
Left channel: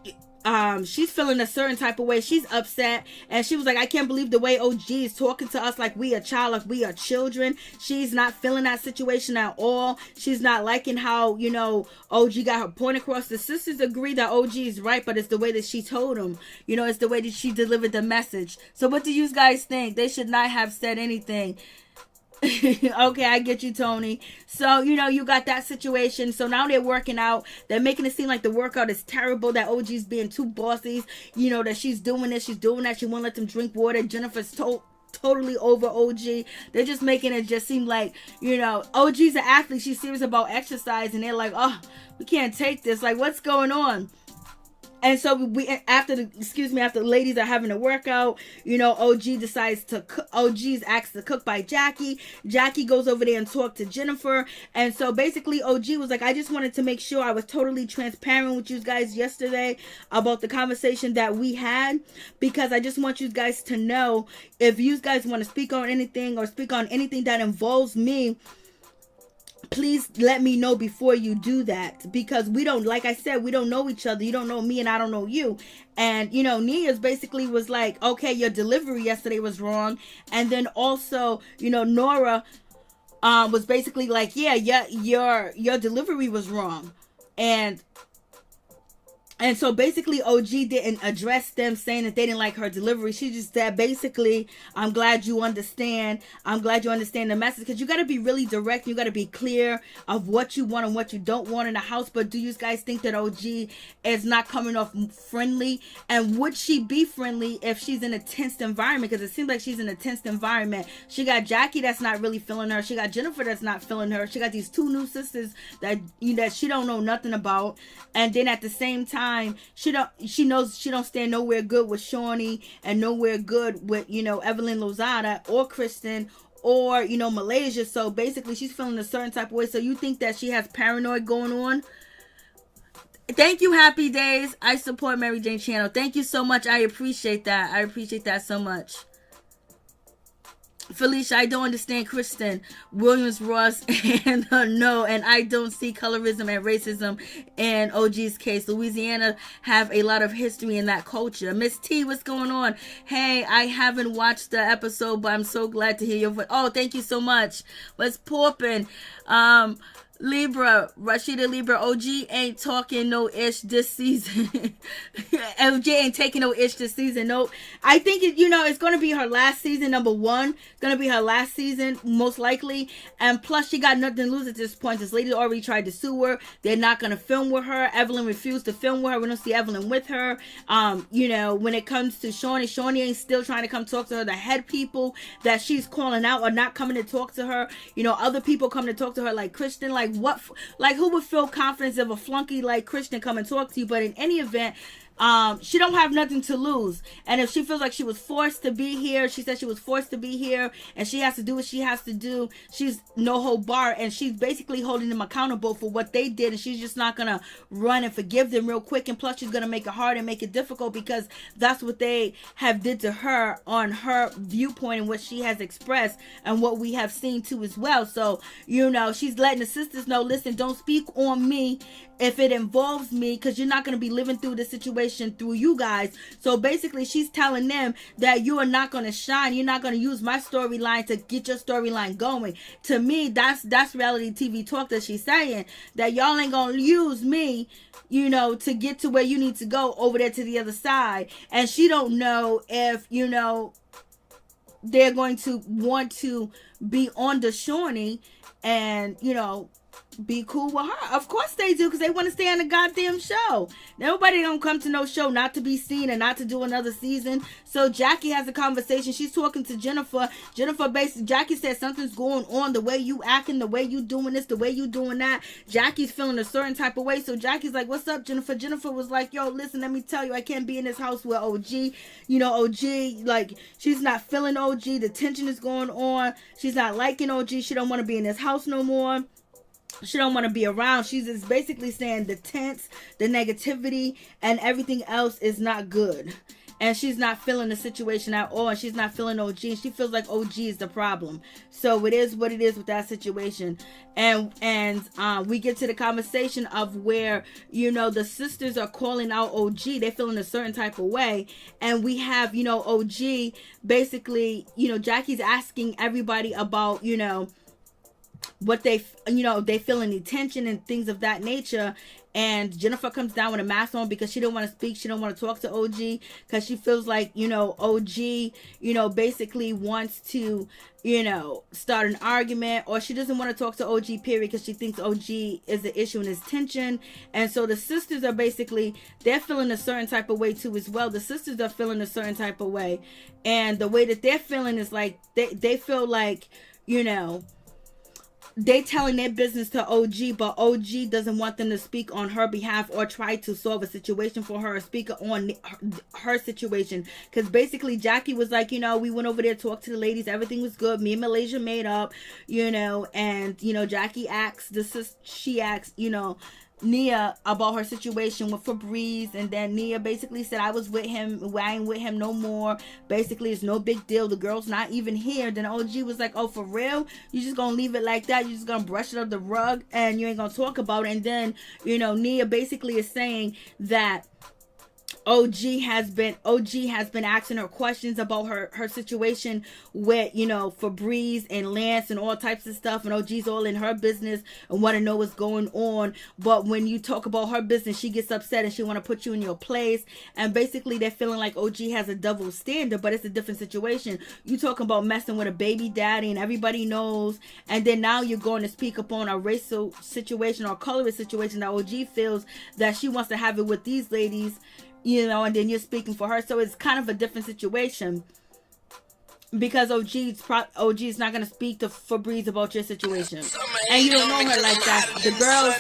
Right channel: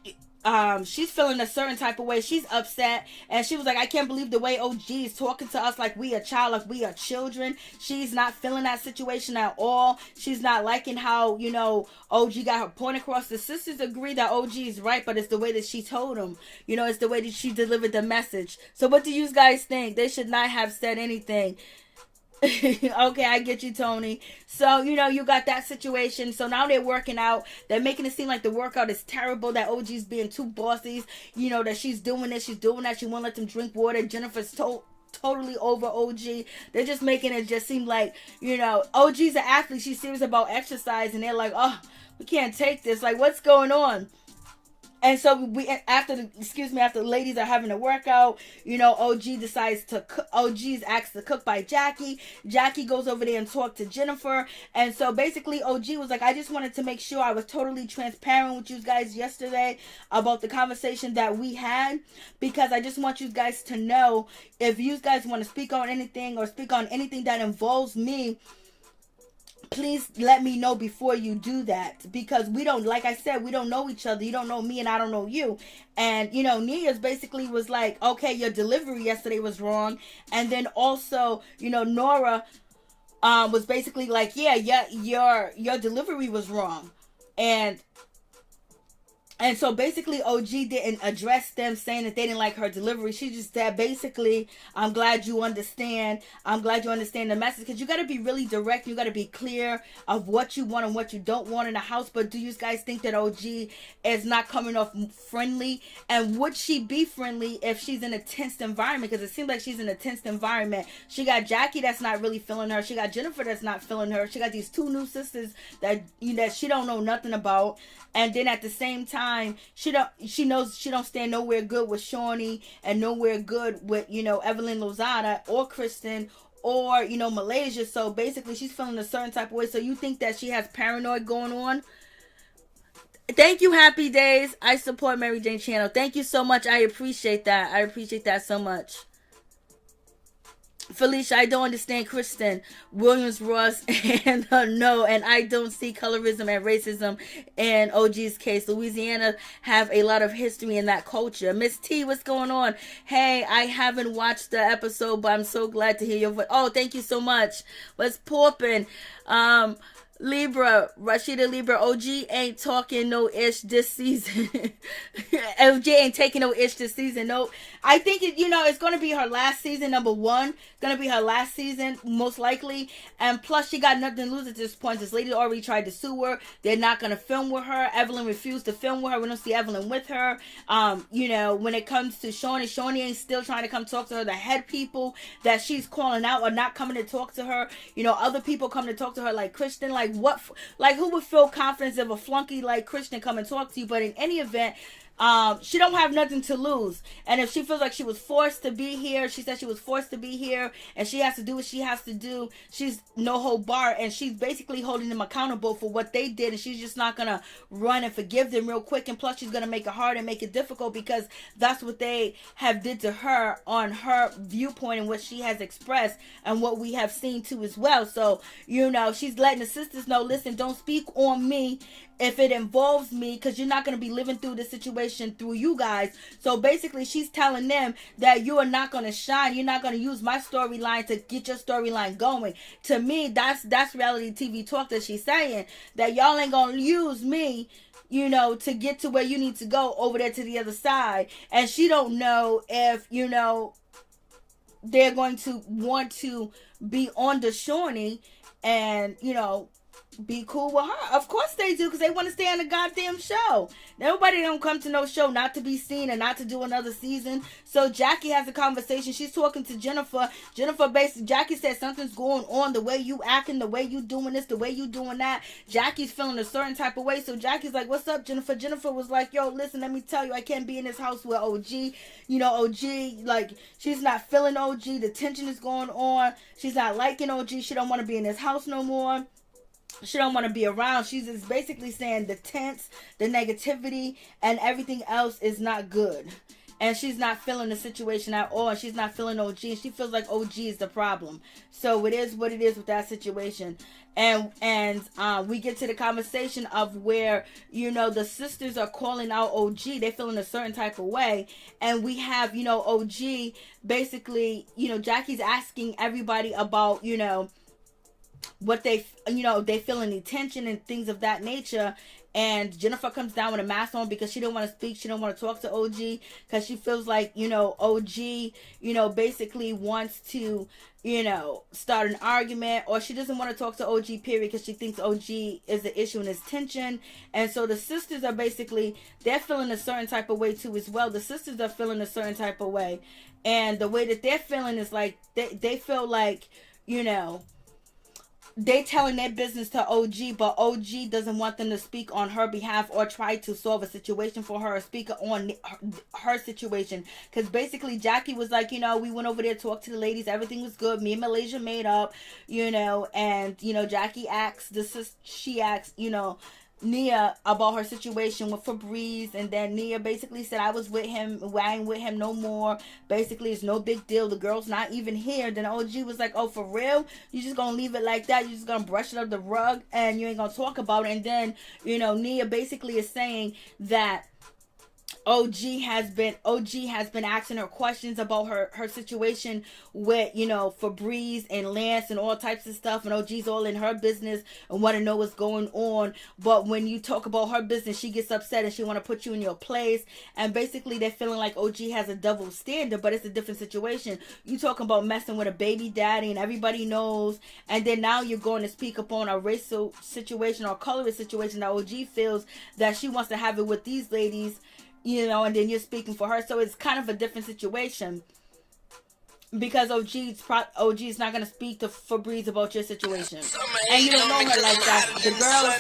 feeling a certain type of way. She's upset, and she was like, I can't believe the way OG is talking to us like we a child, like we are children. She's not feeling that situation at all. She's not liking how, you know, OG got her point across. The sisters agree that OG is right, but it's the way that she told them. You know, it's the way that she delivered the message. So what do you guys think? They should not have said anything. Okay, I get you, Tony. So, you know, you got that situation. So now they're working out. They're making it seem like the workout is terrible, that OG's being too bossy, you know, that she's doing this, she's doing that. She won't let them drink water. Jennifer's totally over OG. They're just making it just seem like, you know, OG's an athlete. She's serious about exercise, and they're like, oh, we can't take this. Like, what's going on? And so after the ladies are having a workout, you know, OG decides to cook. OG's asked to cook by Jackie. Jackie goes over there and talks to Jennifer. And so basically OG was like, I just wanted to make sure I was totally transparent with you guys yesterday about the conversation that we had, because I just want you guys to know, if you guys want to speak on anything or speak on anything that involves me, please let me know before you do that, because we don't, like I said, we don't know each other. You don't know me and I don't know you. And, you know, Nia's basically was like, okay, your delivery yesterday was wrong. And then also, you know, Noria was basically like, yeah, your delivery was wrong. And so basically OG didn't address them saying that they didn't like her delivery. She just said, basically, I'm glad you understand. I'm glad you understand the message. Because you got to be really direct. You got to be clear of what you want and what you don't want in a house. But do you guys think that OG is not coming off friendly? And would she be friendly if she's in a tense environment? Because it seems like she's in a tense environment. She got Jackie that's not really feeling her. She got Jennifer that's not feeling her. She got these two new sisters that, you know, that she don't know nothing about. And then at the same time, she knows she don't stand nowhere good with Shaunie, and nowhere good with, you know, EvelynLozada or Kristen or, you know, Malaysia. So basically she's feeling a certain type of way. So you think that she has paranoid going on? Thank you, Happy Days. I support Mary Jane channel. Thank you so much. I appreciate that. I appreciate that so much. Felicia, I don't understand Kristen Williams Ross and no, and I don't see colorism and racism in OG's case. Louisiana have a lot of history in that culture. Miss T, what's going on? Hey, I haven't watched the episode, but I'm so glad to hear your voice. Oh, thank you so much. What's poppin'? Libra, Rashida Libra, OG ain't talking no ish this season. OG ain't taking no ish this season. No, I think it's going to be her last season. Number one, it's going to be her last season, most likely. And plus, she got nothing to lose at this point. This lady already tried to sue her. They're not going to film with her. Evelyn refused to film with her. We don't see Evelyn with her. When it comes to Shaunie ain't still trying to come talk to her. The head people that she's calling out are not coming to talk to her. You know, other people come to talk to her, like Kristen. Like who would feel confidence if a flunky like Kristen come and talk to you? But in any event, she don't have nothing to lose. And if she feels like she was forced to be here, she said she was forced to be here, and she has to do what she has to do. She's no hold bar, and she's basically holding them accountable for what they did, and she's just not gonna run and forgive them real quick. And plus, she's gonna make it hard and make it difficult, because that's what they have did to her on her viewpoint and what she has expressed and what we have seen too as well. So, you know, she's letting the sisters know, listen, don't speak on me if it involves me, because you're not going to be living through the situation through you guys. So basically, she's telling them that you are not going to shine. You're not going to use my storyline to get your storyline going. To me, that's reality TV talk that she's saying, that y'all ain't going to use me, you know, to get to where you need to go over there to the other side. And she don't know if, you know, they're going to want to be on the Shaunie and, you know, be cool with her. Of course they do, because they want to stay on the goddamn show. Nobody don't come to no show not to be seen and not to do another season. So Jackie has a conversation. She's talking to Jennifer. Jackie said something's going on. The way you acting, the way you doing this, the way you doing that. Jackie's feeling a certain type of way. So Jackie's like, what's up, Jennifer? Jennifer was like, yo, listen, let me tell you, I can't be in this house with OG. You know, OG, like, she's not feeling OG. The tension is going on. She's not liking OG. She don't want to be in this house no more. She don't want to be around. She's just basically saying the tense, the negativity, and everything else is not good. And she's not feeling the situation at all. And she's not feeling OG. And she feels like OG is the problem. So it is what it is with that situation. And we get to the conversation of where, you know, the sisters are calling out OG. They feel in a certain type of way. And we have, you know, OG basically, you know, Jackie's asking everybody about, you know, what they, you know, they feel any tension and things of that nature. And Jennifer comes down with a mask on because she don't want to speak. She don't want to talk to OG because she feels like, you know, OG, you know, basically wants to, you know, start an argument, or she doesn't want to talk to OG, period, because she thinks OG is the issue and is tension. And so the sisters are basically, they're feeling a certain type of way too as well. The sisters are feeling a certain type of way. And the way that they're feeling is like, they feel like, you know, they telling their business to OG, but OG doesn't want them to speak on her behalf or try to solve a situation for her or speak on her situation. Because basically Jackie was like, you know, we went over there, talked to the ladies, everything was good, me and Malaysia made up, you know. And, you know, Jackie asked she asked, you know, Nia about her situation with Febreze, and then Nia basically said, I was with him, I ain't with him no more. Basically, it's no big deal, the girl's not even here. Then OG was like, oh, for real? You just gonna leave it like that? You just gonna brush it up the rug and you ain't gonna talk about it? And then, you know, Nia basically is saying that OG has been asking her questions about her situation with, you know, Febreze and Lance and all types of stuff, and OG's all in her business and want to know what's going on. But when you talk about her business, she gets upset and she want to put you in your place. And basically they're feeling like OG has a double standard, but it's a different situation. You talking about messing with a baby daddy and everybody knows, and then now you're going to speak upon a racial situation or colorist situation that OG feels that she wants to have it with these ladies, you know, and then you're speaking for her. So it's kind of a different situation, because OG is not going to speak to Febreze about your situation. And you don't know her like that. The girl,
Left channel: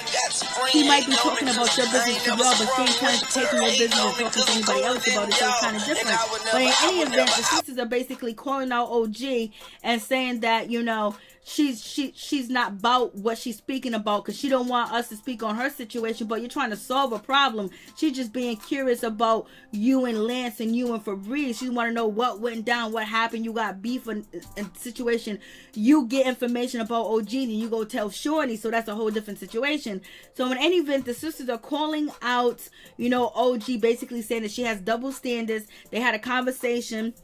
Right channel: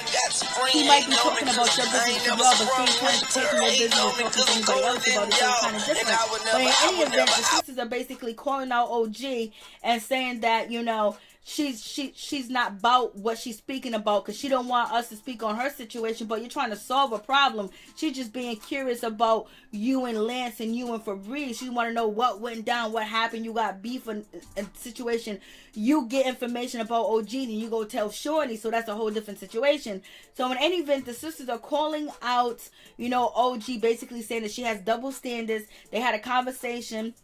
she might be talking about your business to well, but she ain't kind of taking your business and talking to anybody else about it. So it's kind of different. But in any event, the sisters are basically calling out OG and saying that, you know, she's not about what she's speaking about, because she don't want us to speak on her situation, but you're trying to solve a problem. She's just being curious about you and Lance and you and Febreze. She want to know what went down, what happened. You got beef and situation. You get information about OG and you go tell Shaunie, so that's a whole different situation. So in any event, the sisters are calling out, you know, OG, basically saying that she has double standards. They had a conversation,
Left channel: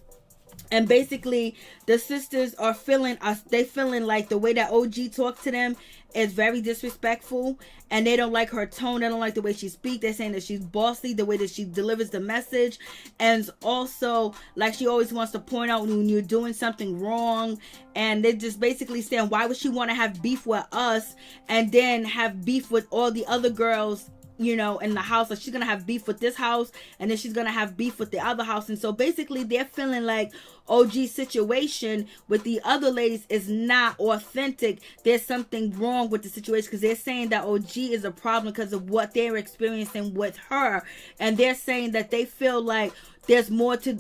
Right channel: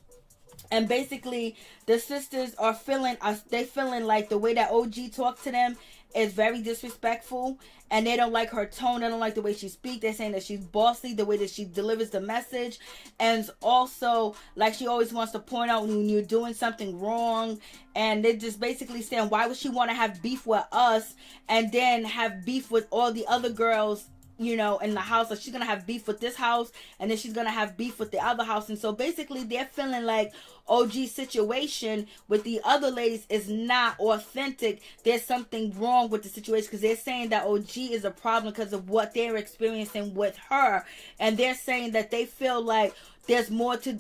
and basically the sisters are feeling like the way that OG talked to them is very disrespectful, and they don't like her tone. They don't like the way she speaks. They're saying that she's bossy, the way that she delivers the message, and also like she always wants to point out when you're doing something wrong. And they're just basically saying, why would she want to have beef with us and then have beef with all the other girls you know, in the house. Like she's gonna have beef with this house, and then she's gonna have beef with the other house. And so basically they're feeling like OG's situation with the other ladies is not authentic. There's something wrong with the situation, because they're saying that OG is a problem because of what they're experiencing with her, and they're saying that they feel like there's more to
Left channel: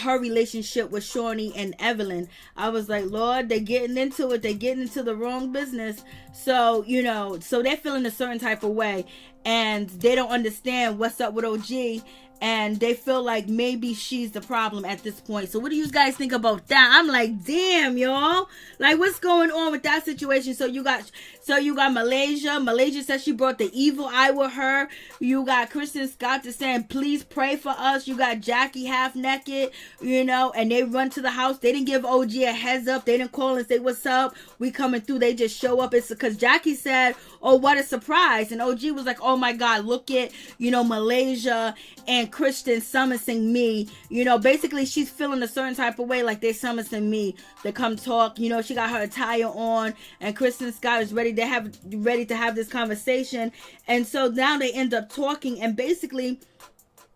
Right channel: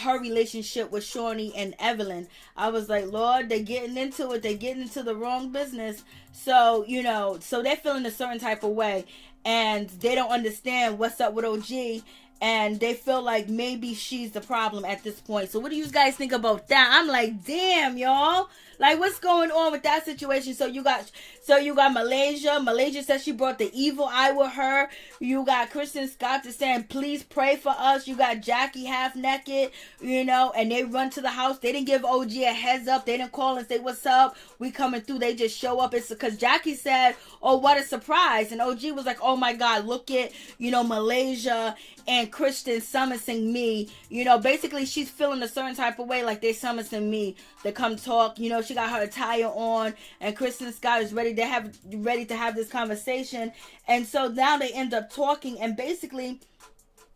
her relationship with Shaunie and Evelyn. I was like, Lord, they're getting into it. They're getting into the wrong business. So, you know, so they're feeling a certain type of way, and they don't understand what's up with OG, and they feel like maybe she's the problem at this point. So what do you guys think about that? I'm like, damn, y'all. Like, what's going on with that situation? So you got Malaysia. Malaysia says she brought the evil eye with her. You got Kristen Scott just saying, please pray for us. You got Jackie half naked, you know, and they run to the house. They didn't give OG a heads up. They didn't call and say, what's up? We coming through. They just show up. It's because Jackie said, oh, what a surprise. And OG was like, oh my God, look at, you know, Malaysia and Kristen summoning me. You know, basically she's feeling a certain type of way, like they summoning me to come talk. You know, she got her attire on, and Kristen Scott is ready to have this conversation. And so now they end up talking, and basically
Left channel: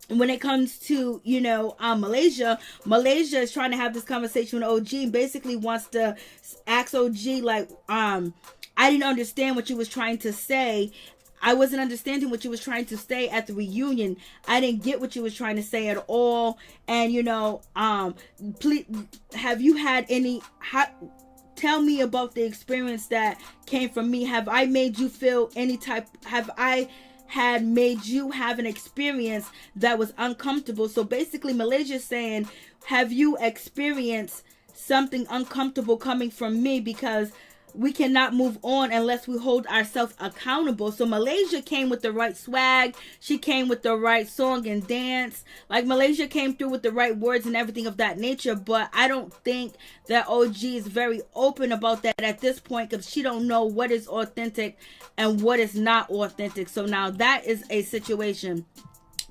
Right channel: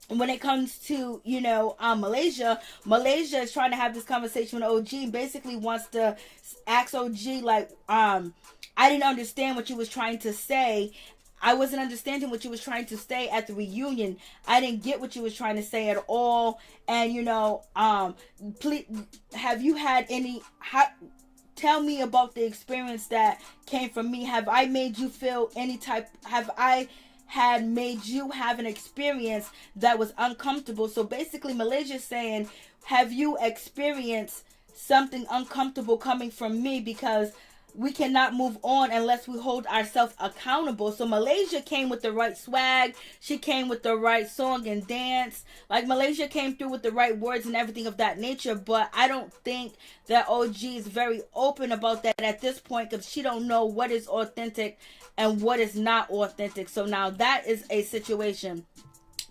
when it comes to, you know, Malaysia is trying to have this conversation with OG, and basically wants to ask OG, like, I didn't understand what you was trying to say. I wasn't understanding what you was trying to say at the reunion. I didn't get what you was trying to say at all. And, you know, please, have you had any, tell me about the experience that came from me. Have I made you feel any type, have I had made you have an experience that was uncomfortable? So basically Malaysia's saying, have you experienced something uncomfortable coming from me? Because we cannot move on unless we hold ourselves accountable. So Malaysia came with the right swag. She came with the right song and dance. Like, Malaysia came through with the right words and everything of that nature. But I don't think that OG is very open about that at this point, because she don't know what is authentic and what is not authentic. So now that is a situation.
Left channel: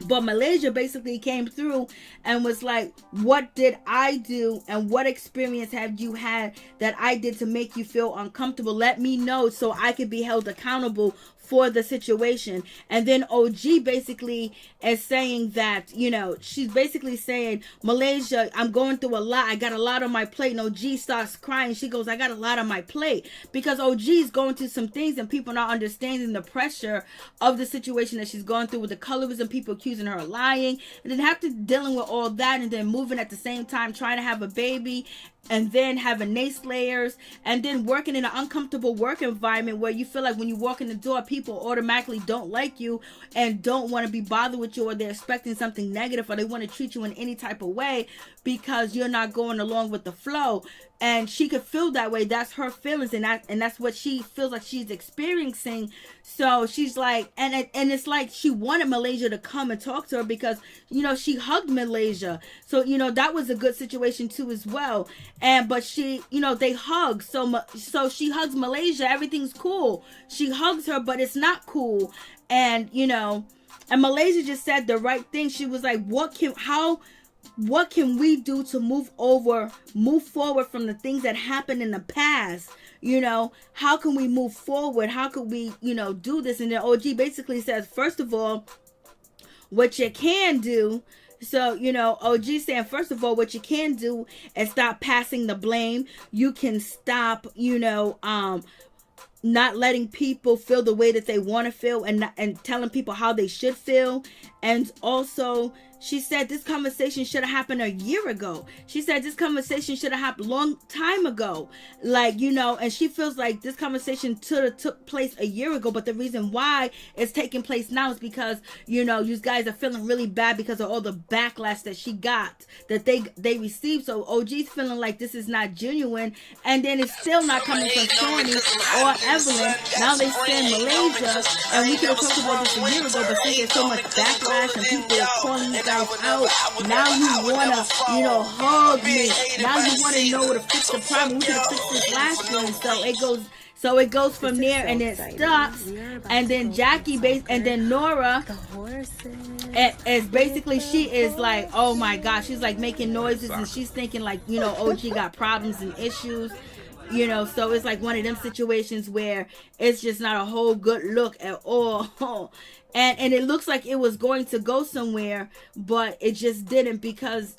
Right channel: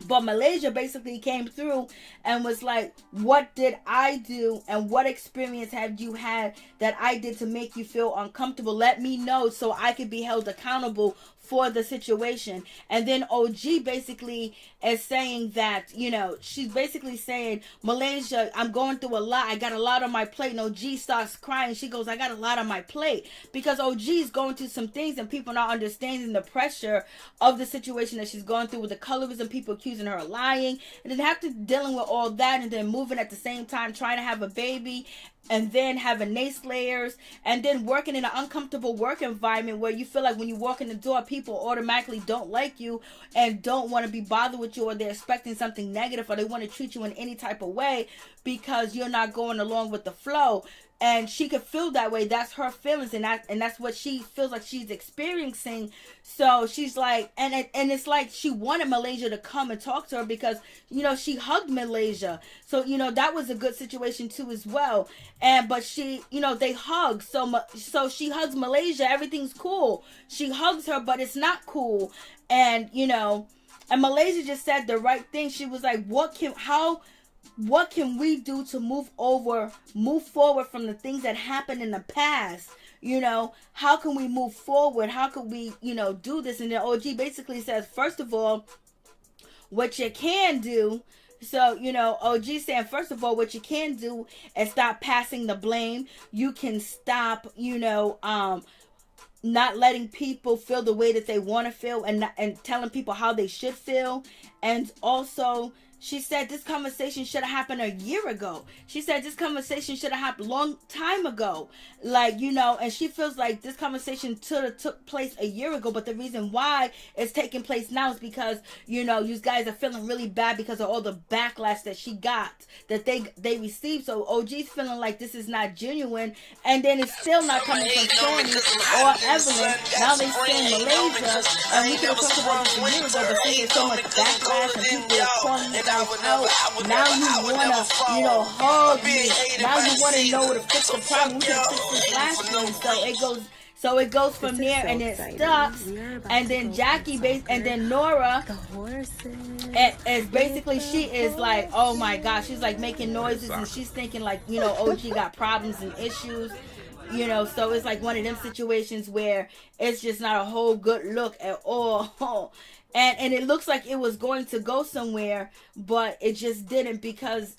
But Malaysia basically came through and was like, what did I do, and what experience have you had that I did to make you feel uncomfortable? Let me know so I could be held accountable for the situation. And then OG basically is saying that, you know, she's basically saying, Malaysia, I'm going through a lot. I got a lot on my plate. And OG starts crying. She goes, I got a lot on my plate, because OG is going through some things, and people not understanding the pressure of the situation that she's going through with the colorism, people accusing her of lying, and then after dealing with all that, and then moving at the same time, trying to have a baby, and then having naysayers, and then working in an uncomfortable work environment where you feel like when you walk in the door, people automatically don't like you and don't want to be bothered with you, or they're expecting something negative, or they want to treat you in any type of way because you're not going along with the flow. And she could feel that way. That's her feelings, and that's what she feels like she's experiencing. So she's like, and it's like she wanted Malaysia to come and talk to her, because, you know, she hugged Malaysia. So, you know, that was a good situation too as well. But she, you know, they hug. So she hugs Malaysia. Everything's cool. She hugs her, but it's not cool. And, you know, and Malaysia just said the right thing. She was like, what can we do to move forward from the things that happened in the past? You know, how can we move forward? How can we, you know, do this? And then OG basically says, first of all, what you can do. So, you know, OG saying, first of all, what you can do is stop passing the blame. You can stop, you know, not letting people feel the way that they want to feel, and telling people how they should feel. And also, she said this conversation should have happened a year ago. She said this conversation should have happened a long time ago. Like, you know, and she feels like this conversation took place a year ago. But the reason why it's taking place now is because, you know, you guys are feeling really bad because of all the backlash that she got, that they received. So OG's feeling like this is not genuine. And then it's still not coming from Shaunie or Evelyn. Now they saying Malaysia. And we could have talked about this a year ago, but there's so much backlash and people are calling it out. Now you wanna, you know, hug me. Now you wanna know where to fix the problem. We could have fixed this last one. So it goes from there, and it stops. And then Jackie and then Noria is basically, she is like, oh my gosh, she's like making noises, and she's thinking like, you know, OG got problems and issues. You know, so it's like one of them situations where it's just not a whole good look at all. And it looks like it was going to go somewhere, but it just didn't, because,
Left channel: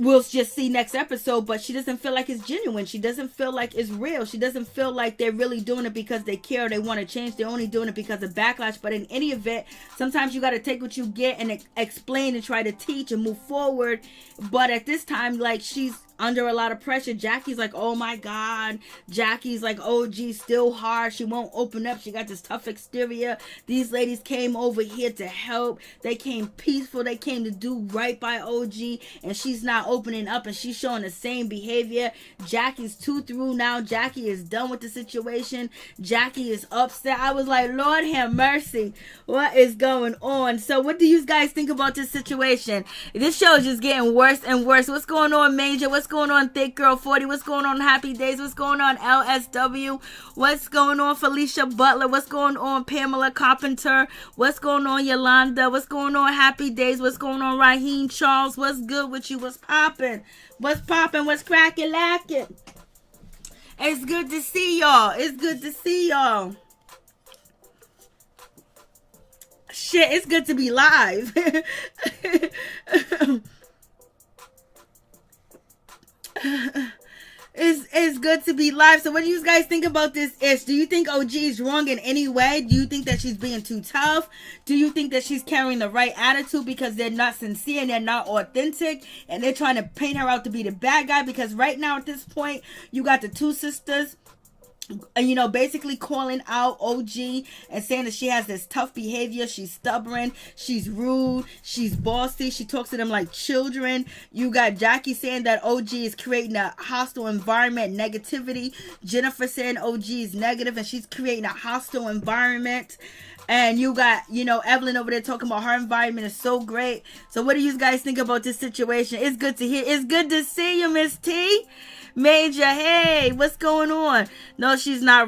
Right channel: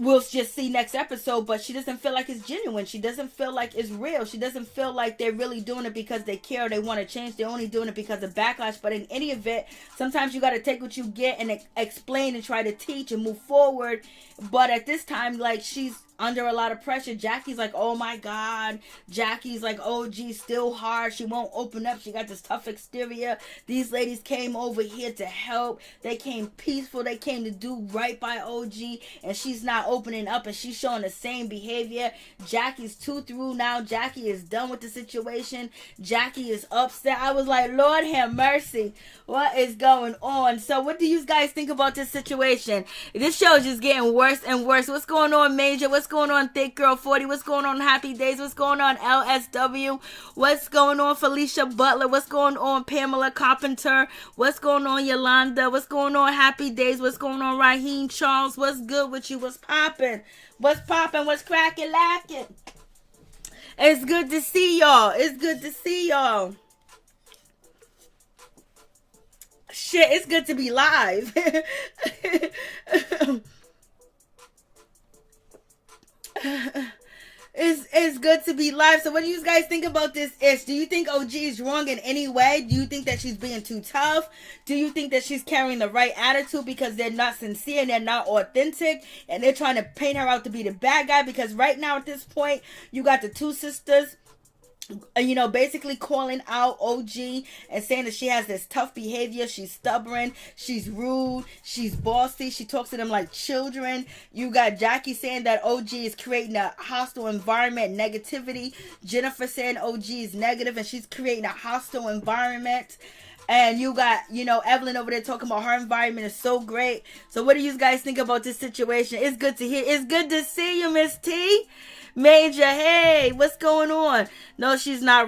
we'll just see next episode, but she doesn't feel like it's genuine. She doesn't feel like it's real. She doesn't feel like they're really doing it because they care or they want to change. They're only doing it because of backlash. But in any event, sometimes you got to take what you get and explain and try to teach and move forward. But at this time, like, she's under a lot of pressure. Jackie's like, oh my God. Jackie's like, OG still hard. She won't open up. She got this tough exterior. These ladies came over here to help. They came peaceful. They came to do right by OG. And she's not opening up, and she's showing the same behavior. Jackie's too through now. Jackie is done with the situation. Jackie is upset. I was like, Lord have mercy. What is going on? So what do you guys think about this situation? This show is just getting worse and worse. What's going on, Major? What's going on, Thick Girl 40? What's going on, Happy Days? What's going on, LSW? What's going on, Felicia Butler? What's going on, Pamela Carpenter? What's going on, Yolanda? What's going on, Happy Days? What's going on, Raheem Charles? What's good with you? What's popping? What's popping? What's cracking, lacking? It's good to see y'all. It's good to see y'all. Shit, it's good to be live. It's good to be live. So what do you guys think about this ish? Do you think OG is wrong in any way? Do you think that she's being too tough? Do you think that she's carrying the right attitude because they're not sincere and they're not authentic and they're trying to paint her out to be the bad guy? Because right now at this point, you got the two sisters, basically calling out OG and saying that she has this tough behavior. She's stubborn. She's rude. She's bossy. She talks to them like children. You got Jackie saying that OG is creating a hostile environment, negativity. Jennifer saying OG is negative and she's creating a hostile environment. And you got, Evelyn over there talking about her environment is so great. So what do you guys think about this situation? It's good to hear. It's good to see you, Miss T. Major, hey, what's going on? No, she's not